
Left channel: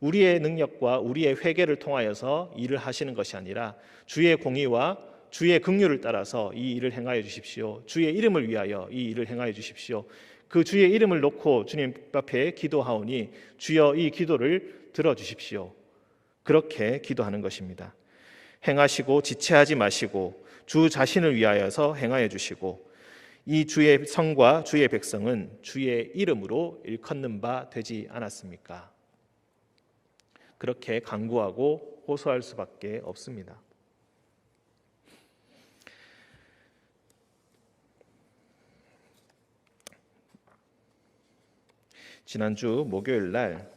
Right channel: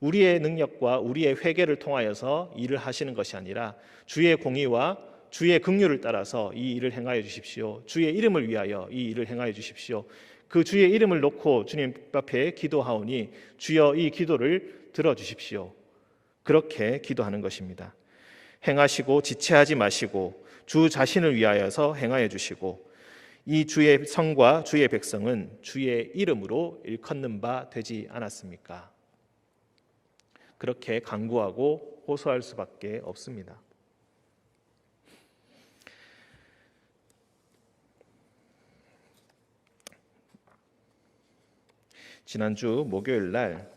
우리의 능력과 우리의 회개를 통하여서 일을 하시는 것이 아니라 주의 공의와 주의 긍휼을 따라서 이 일을 행하여 주십시오. 주의 이름을 위하여 이 일을 행하여 주십시오. 그 주의 이름을 놓고 주님 앞에 기도하오니 주여 이 기도를 들어주십시오. 그렇게 기도하는 것입니다. 행하시고 지체하지 마시고 주 자신을 위하여서 행하여 주시고 이 주의 성과 주의 백성은 주의 이름으로 일컫는 바 되지 않았습니까? 그렇게 간구하고 호소할 수밖에 없습니다. 지난주 목요일 날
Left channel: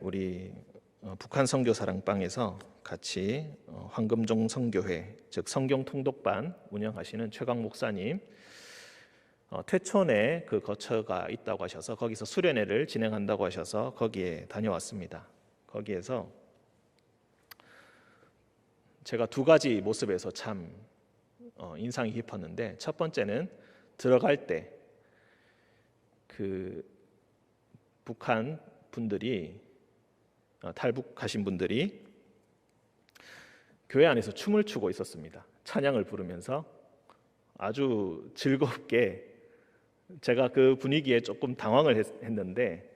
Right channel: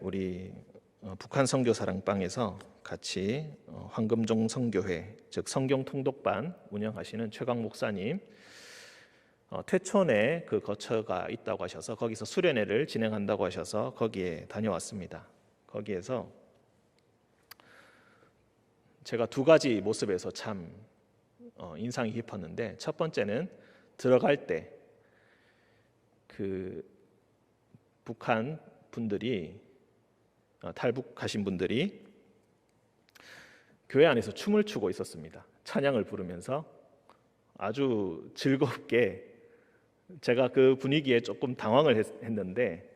우리 북한 선교 사랑방에서 같이 황금종 선교회 즉 성경 통독반 운영하시는 최강 목사님 퇴촌에 그 거처가 있다고 하셔서 거기서 수련회를 진행한다고 하셔서 거기에 다녀왔습니다. 거기에서 제가 두 가지 모습에서 참 인상이 깊었는데, 첫 번째는 들어갈 때 그 북한 분들이 탈북하신 분들이 교회 안에서 춤을 추고 있었습니다. 찬양을 부르면서 아주 즐겁게. 제가 그 분위기에 조금 당황을 했는데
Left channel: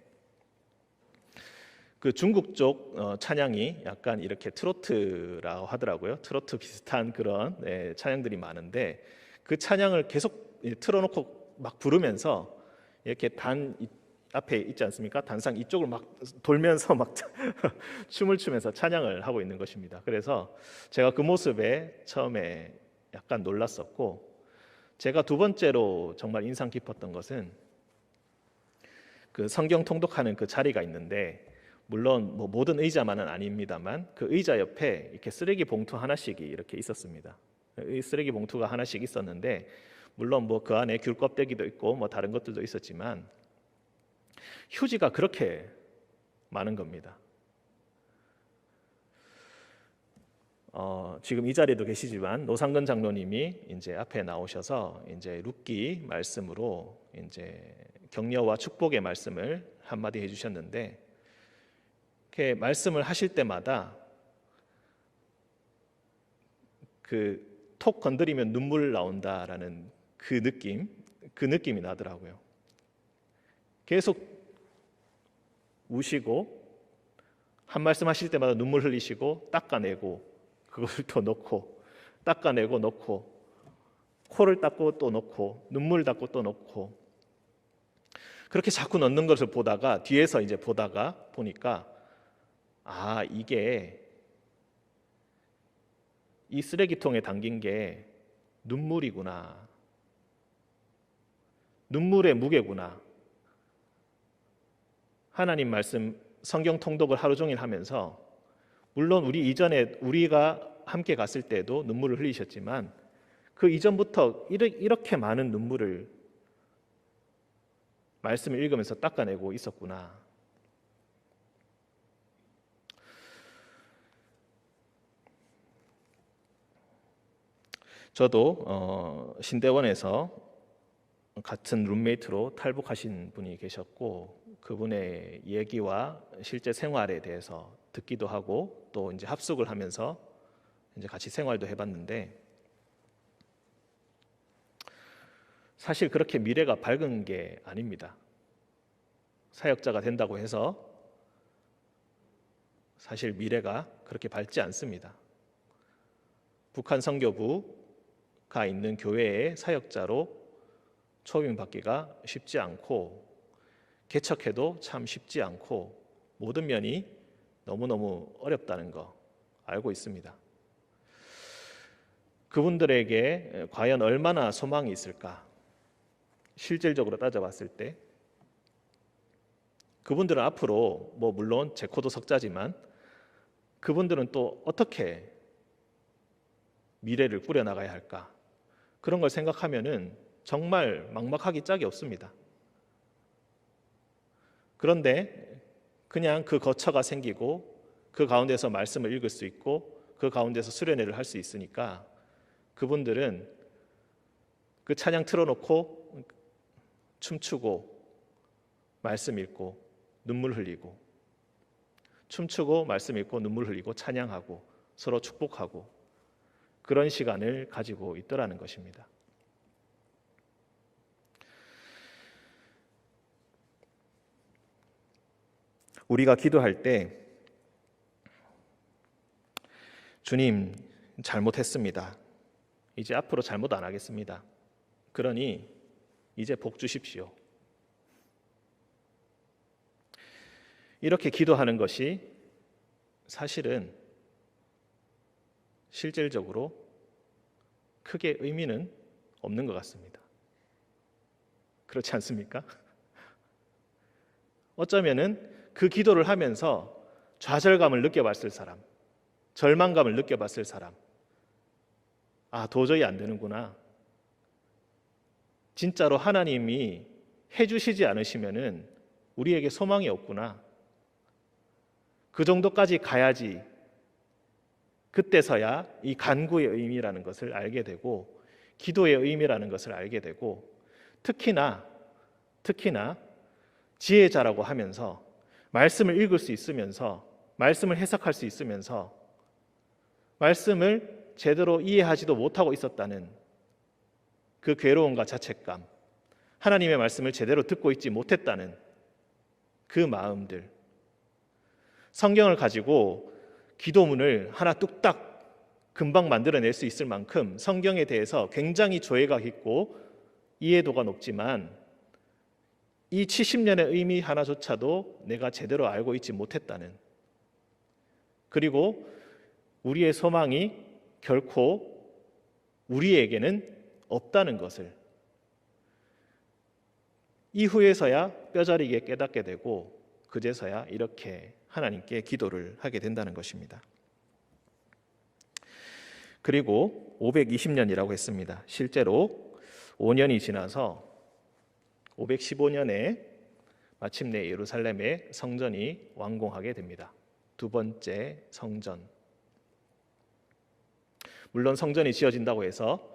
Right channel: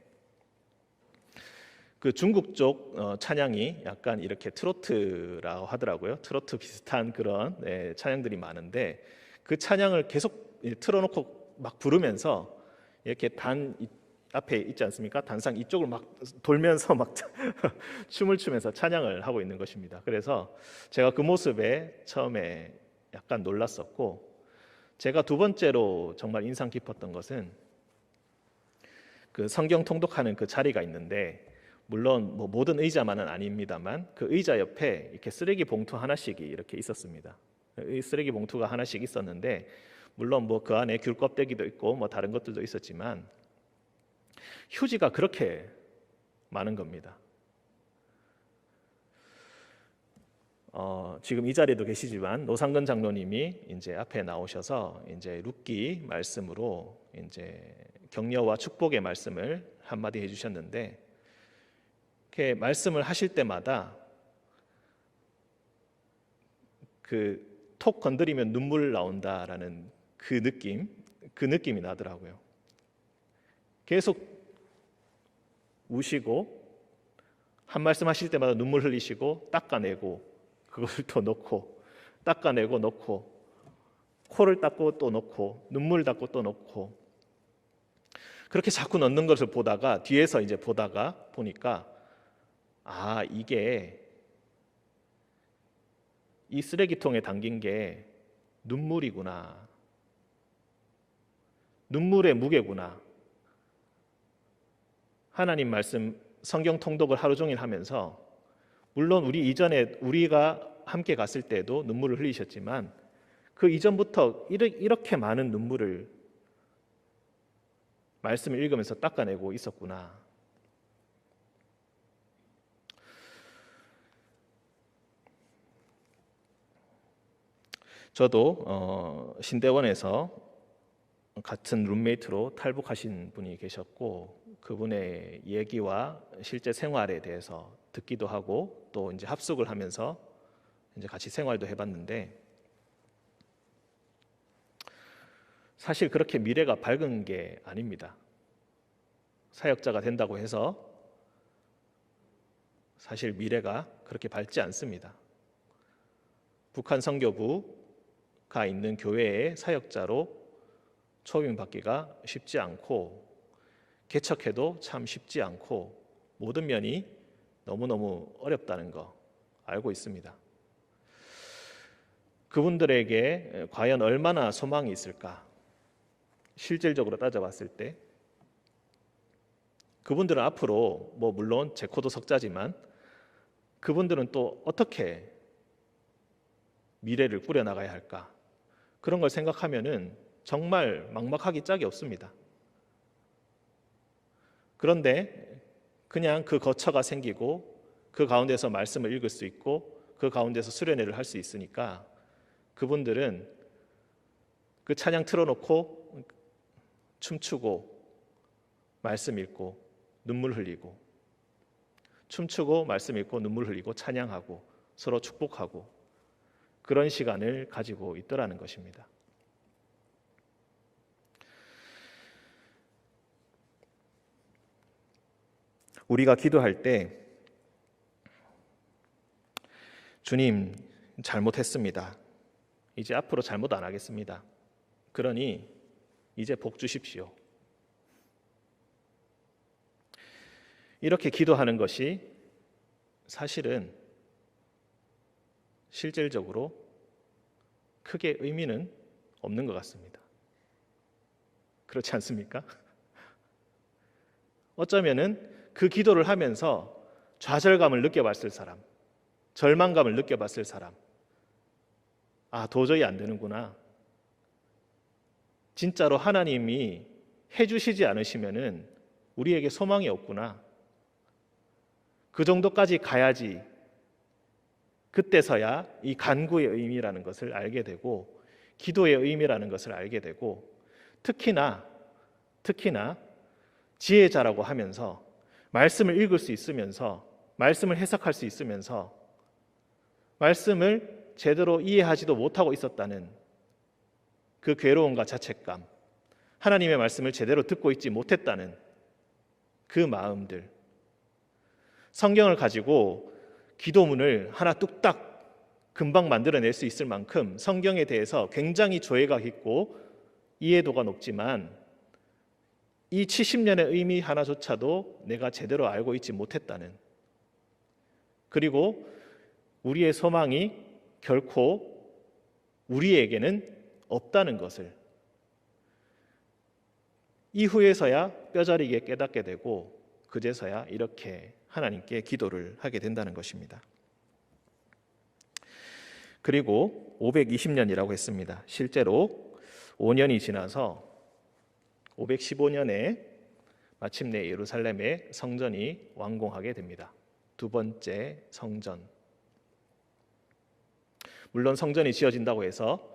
그 중국 쪽 찬양이 약간 이렇게 트로트라고 하더라고요. 트로트 비슷한 그런 찬양들이 많은데 그 찬양을 계속 틀어놓고 막 부르면서 이렇게 앞에 있지 않습니까? 단상 이쪽을 막 돌면서 막 춤을 추면서 찬양을 하고 있는 것입니다. 그래서 제가 그 모습에 처음에 약간 놀랐었고, 제가 두 번째로 정말 인상 깊었던 것은 그 성경 통독하는 그 자리가 있는데, 물론 뭐 모든 의자만은 아닙니다만 그 의자 옆에 이렇게 쓰레기 봉투 하나씩이 이렇게 있었습니다. 이 쓰레기 봉투가 하나씩 있었는데, 물론 뭐 그 안에 귤 껍데기도 있고 뭐 다른 것들도 있었지만 휴지가 그렇게 많은 겁니다. 지금 이 자리에도 계시지만 노상근 장로님이 이제 앞에 나오셔서 이제 룻기 말씀으로 이제 격려와 축복의 말씀을 한마디 해주셨는데, 이렇게 말씀을 하실 때마다 그 톡 건드리면 눈물 나온다라는 그 느낌이 나더라고요. 계속 우시고 한 말씀 하실 때마다 눈물 흘리시고 닦아내고 그것을 또 넣고 닦아내고 넣고 코를 닦고 또 넣고 눈물 닦고 또 넣고 그렇게 자꾸 넣는 것을 보다가 뒤에서 이제 보니까 이게 이 쓰레기통에 담긴 게 눈물이구나. 눈물의 무게구나. 하나님 말씀 성경 통독을 하루 종일 하면서 물론 우리 이전에 우리가 함께 갔을 때도 눈물을 흘리셨지만 그 이전부터 이렇게 많은 눈물을 말씀을 읽으면서 닦아내고 있었구나. 저도 신대원에서 같은 룸메이트로 탈북하신 분이 계셨고 그분의 얘기와 실제 생활에 대해서 듣기도 하고 또 이제 합숙을 하면서 이제 같이 생활도 해봤는데 사실 그렇게 미래가 밝은 게 아닙니다. 사역자가 된다고 해서 사실 미래가 그렇게 밝지 않습니다. 북한 선교부가 있는 교회의 사역자로 초빙받기가 쉽지 않고 개척해도 참 쉽지 않고 모든 면이 너무너무 어렵다는 거 알고 있습니다. 그분들에게 과연 얼마나 소망이 있을까? 실질적으로 따져봤을 때 그분들은 앞으로 뭐 물론 제코도 석자지만 그분들은 또 어떻게 미래를 꾸려나가야 할까? 그런 걸 생각하면은 정말 막막하기 짝이 없습니다. 그런데 그냥 그 거처가 생기고 그 가운데서 말씀을 읽을 수 있고 그 가운데서 수련회를 할 수 있으니까 그분들은 그 찬양 틀어놓고 춤추고 말씀 읽고 눈물 흘리고, 춤추고 말씀 읽고 눈물 흘리고 찬양하고 서로 축복하고 그런 시간을 가지고 있더라는 것입니다. 우리가 기도할 때 주님 잘못했습니다. 이제 앞으로 잘못 안 하겠습니다. 그러니 이제 복 주십시오. 이렇게 기도하는 것이 사실은 실질적으로 크게 의미는 없는 것 같습니다. 그렇지 않습니까? 어쩌면은 그 기도를 하면서 좌절감을 느껴봤을 사람, 절망감을 느껴봤을 사람, 아, 도저히 안 되는구나. 진짜로 하나님이 해주시지 않으시면은 우리에게 소망이 없구나. 그 정도까지 가야지 그때서야 이 간구의 의미라는 것을 알게 되고 기도의 의미라는 것을 알게 되고 특히나 지혜자라고 하면서 말씀을 읽을 수 있으면서 말씀을 해석할 수 있으면서 말씀을 제대로 이해하지도 못하고 있었다는 그 괴로움과 자책감, 하나님의 말씀을 제대로 듣고 있지 못했다는 그 마음들, 성경을 가지고 기도문을 하나 뚝딱 금방 만들어낼 수 있을 만큼 성경에 대해서 굉장히 조예가 깊고 이해도가 높지만 이 70년의 의미 하나조차도 내가 제대로 알고 있지 못했다는, 그리고 우리의 소망이 결코 우리에게는 없다는 것을 이후에서야 뼈저리게 깨닫게 되고 그제서야 이렇게 하나님께 기도를 하게 된다는 것입니다. 그리고 520년이라고 했습니다. 실제로 5년이 지나서 515년에 마침내 예루살렘의 성전이 완공하게 됩니다. 두 번째 성전. 물론 성전이 지어진다고 해서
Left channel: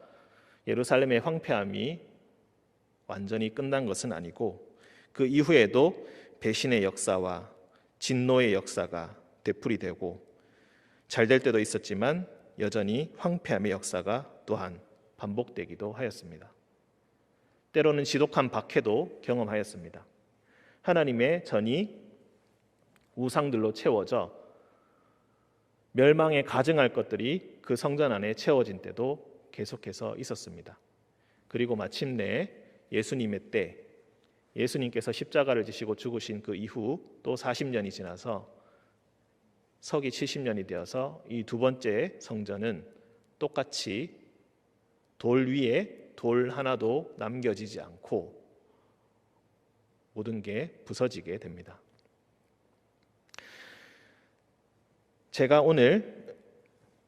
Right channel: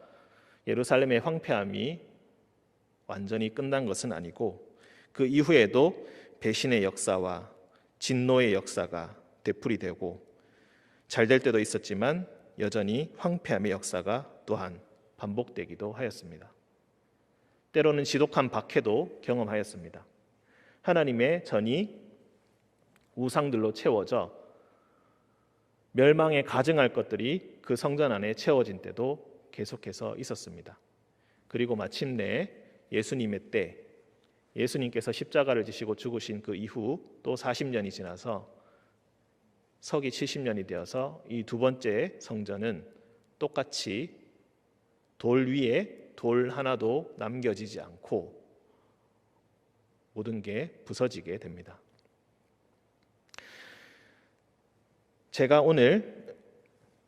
예루살렘의 황폐함이 완전히 끝난 것은 아니고 그 이후에도 배신의 역사와 진노의 역사가 되풀이되고 잘 될 때도 있었지만 여전히 황폐함의 역사가 또한 반복되기도 하였습니다. 때로는 지독한 박해도 경험하였습니다. 하나님의 전이 우상들로 채워져 멸망에 가증할 것들이 그 성전 안에 채워진 때도 계속해서 있었습니다. 그리고 마침내 예수님의 때, 예수님께서 십자가를 지시고 죽으신 그 이후 또 40년이 지나서 서기 70년이 되어서 이 두 번째 성전은 똑같이 돌 위에 돌 하나도 남겨지지 않고 모든 게 부서지게 됩니다. 제가 오늘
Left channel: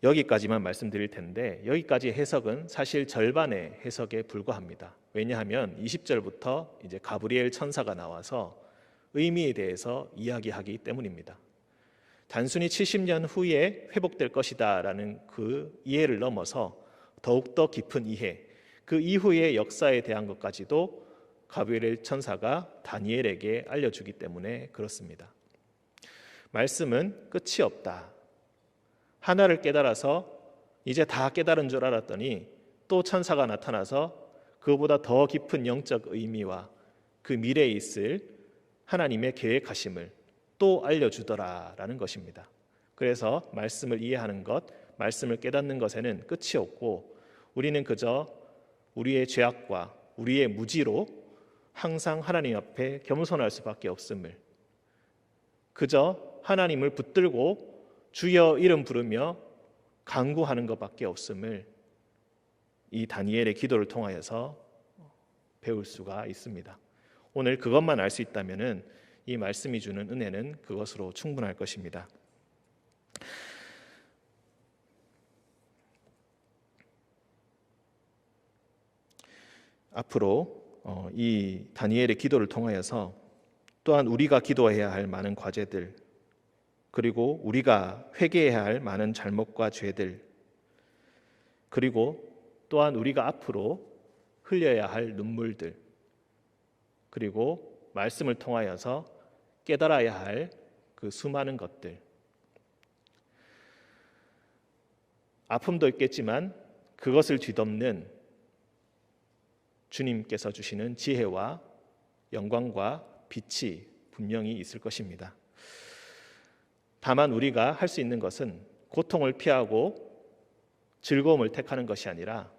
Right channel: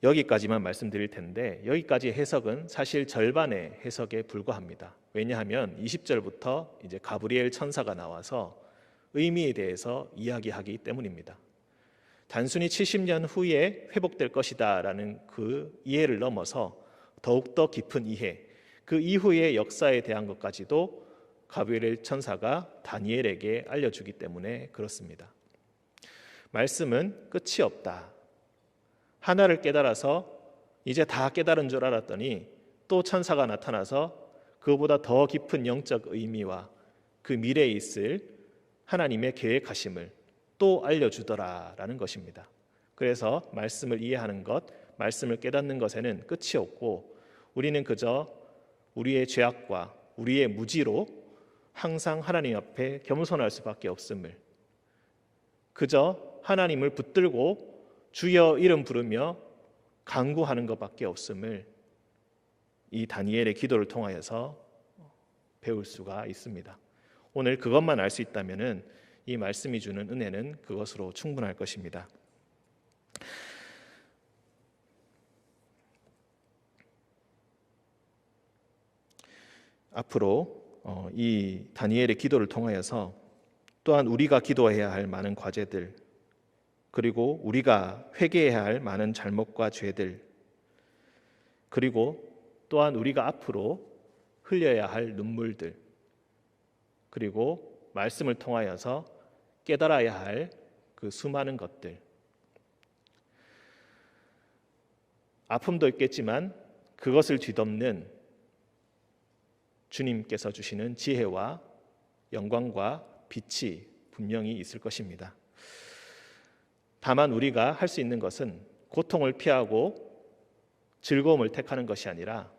여기까지만 말씀드릴 텐데 여기까지 해석은 사실 절반의 해석에 불과합니다. 왜냐하면 20절부터 이제 가브리엘 천사가 나와서 의미에 대해서 이야기하기 때문입니다. 단순히 70년 후에 회복될 것이다라는 그 이해를 넘어서 더욱더 깊은 이해, 그 이후의 역사에 대한 것까지도 가브리엘 천사가 다니엘에게 알려주기 때문에 그렇습니다. 말씀은 끝이 없다. 하나를 깨달아서 이제 다 깨달은 줄 알았더니 또 천사가 나타나서 그보다 더 깊은 영적 의미와 그 미래에 있을 하나님의 계획하심을 또 알려주더라라는 것입니다. 그래서 말씀을 이해하는 것, 말씀을 깨닫는 것에는 끝이 없고 우리는 그저 우리의 죄악과 우리의 무지로 항상 하나님 앞에 겸손할 수밖에 없음을, 그저 하나님을 붙들고 주여 이름 부르며 간구하는 것밖에 없음을 이 다니엘의 기도를 통하여서 배울 수가 있습니다. 오늘 그것만 알 수 있다면은 이 말씀이 주는 은혜는 그것으로 충분할 것입니다. 앞으로 이 다니엘의 기도를 통하여서 또한 우리가 기도해야 할 많은 과제들, 그리고 우리가 회개해야 할 많은 잘못과 죄들, 그리고 또한 우리가 앞으로 흘려야 할 눈물들, 그리고 말씀을 통하여서 깨달아야 할 그 수많은 것들, 아픔도 있겠지만 그것을 뒤덮는 주님께서 주시는 지혜와 영광과 빛이 분명히 있을 것입니다. 다만 우리가 할 수 있는 것은 고통을 피하고 즐거움을 택하는 것이 아니라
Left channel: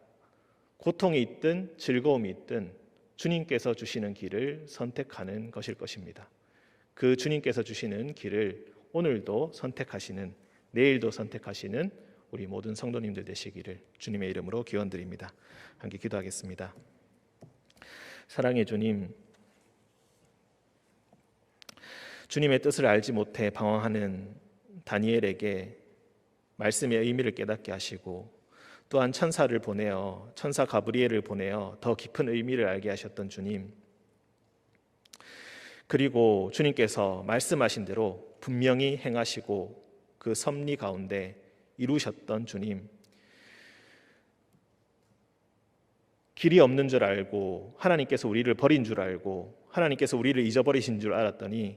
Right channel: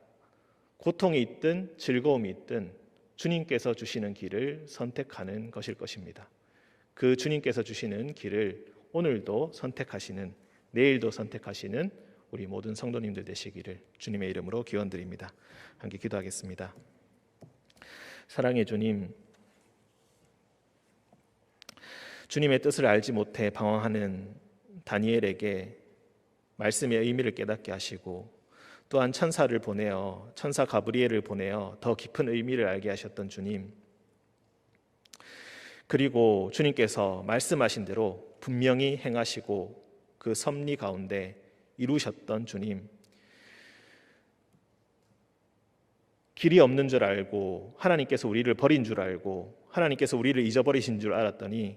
고통이 있든 즐거움이 있든 주님께서 주시는 길을 선택하는 것일 것입니다. 그 주님께서 주시는 길을 오늘도 선택하시는, 내일도 선택하시는 우리 모든 성도님들 되시기를 주님의 이름으로 기원드립니다. 함께 기도하겠습니다. 사랑의 주님, 주님의 뜻을 알지 못해 방황하는 다니엘에게 말씀의 의미를 깨닫게 하시고, 또한 천사를 보내어, 천사 가브리엘을 보내어 더 깊은 의미를 알게 하셨던 주님, 그리고 주님께서 말씀하신 대로 분명히 행하시고 그 섭리 가운데 이루셨던 주님, 길이 없는 줄 알고 하나님께서 우리를 버린 줄 알고 하나님께서 우리를 잊어버리신 줄 알았더니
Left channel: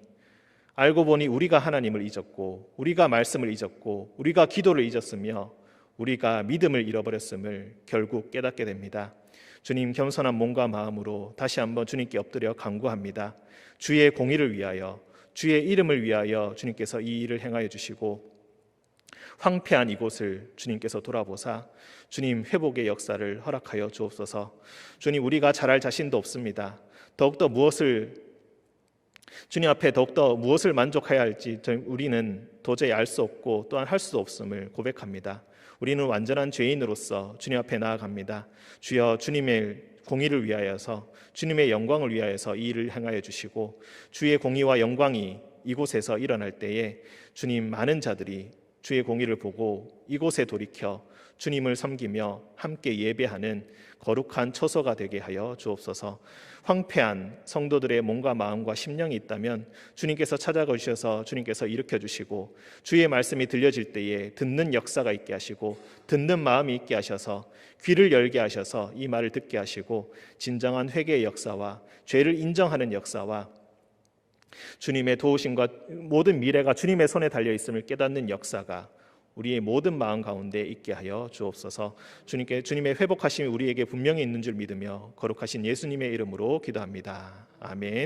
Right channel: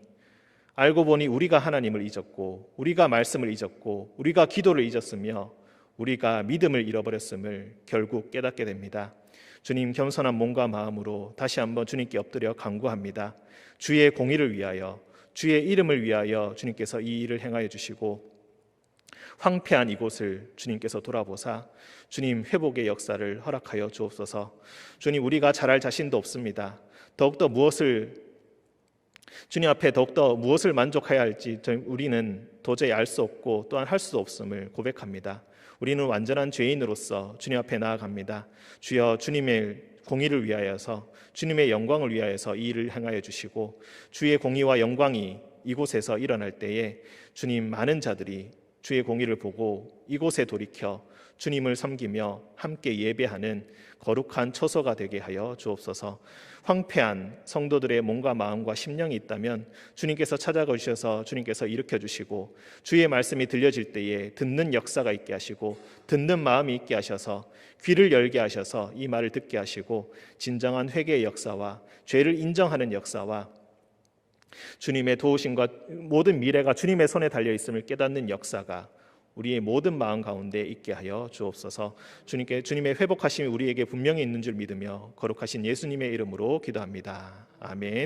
알고 보니 우리가 하나님을 잊었고 우리가 말씀을 잊었고 우리가 기도를 잊었으며 우리가 믿음을 잃어버렸음을 결국 깨닫게 됩니다. 주님, 겸손한 몸과 마음으로 다시 한번 주님께 엎드려 간구합니다. 주의 공의를 위하여, 주의 이름을 위하여 주님께서 이 일을 행하여 주시고 황폐한 이곳을 주님께서 돌아보사 주님 회복의 역사를 허락하여 주옵소서. 주님, 우리가 잘할 자신도 없습니다. 더욱더 주님 앞에 더욱더 무엇을 만족해야 할지 우리는 도저히 알 수 없고 또한 할 수 없음을 고백합니다. 우리는 완전한 죄인으로서 주님 앞에 나아갑니다. 주여, 주님의 공의를 위하여서, 주님의 영광을 위하여서 이 일을 행하여 주시고 주의 공의와 영광이 이곳에서 일어날 때에 주님, 많은 자들이 주의 공의를 보고 이곳에 돌이켜 주님을 섬기며 함께 예배하는 거룩한 처소가 되게 하여 주옵소서. 황폐한 성도들의 몸과 마음과 심령이 있다면 주님께서 찾아가셔서 주님께서 일으켜 주시고 주의 말씀이 들려질 때에 듣는 역사가 있게 하시고 듣는 마음이 있게 하셔서 귀를 열게 하셔서 이 말을 듣게 하시고 진정한 회개의 역사와 죄를 인정하는 역사와 주님의 도우심과 모든 미래가 주님의 손에 달려 있음을 깨닫는 역사가 우리의 모든 마음 가운데 있게 하여 주옵소서. 주님의 회복하심이 우리에게 분명히 있는 줄 믿으며 거룩하신 예수님의 이름으로 기도합니다. 아멘.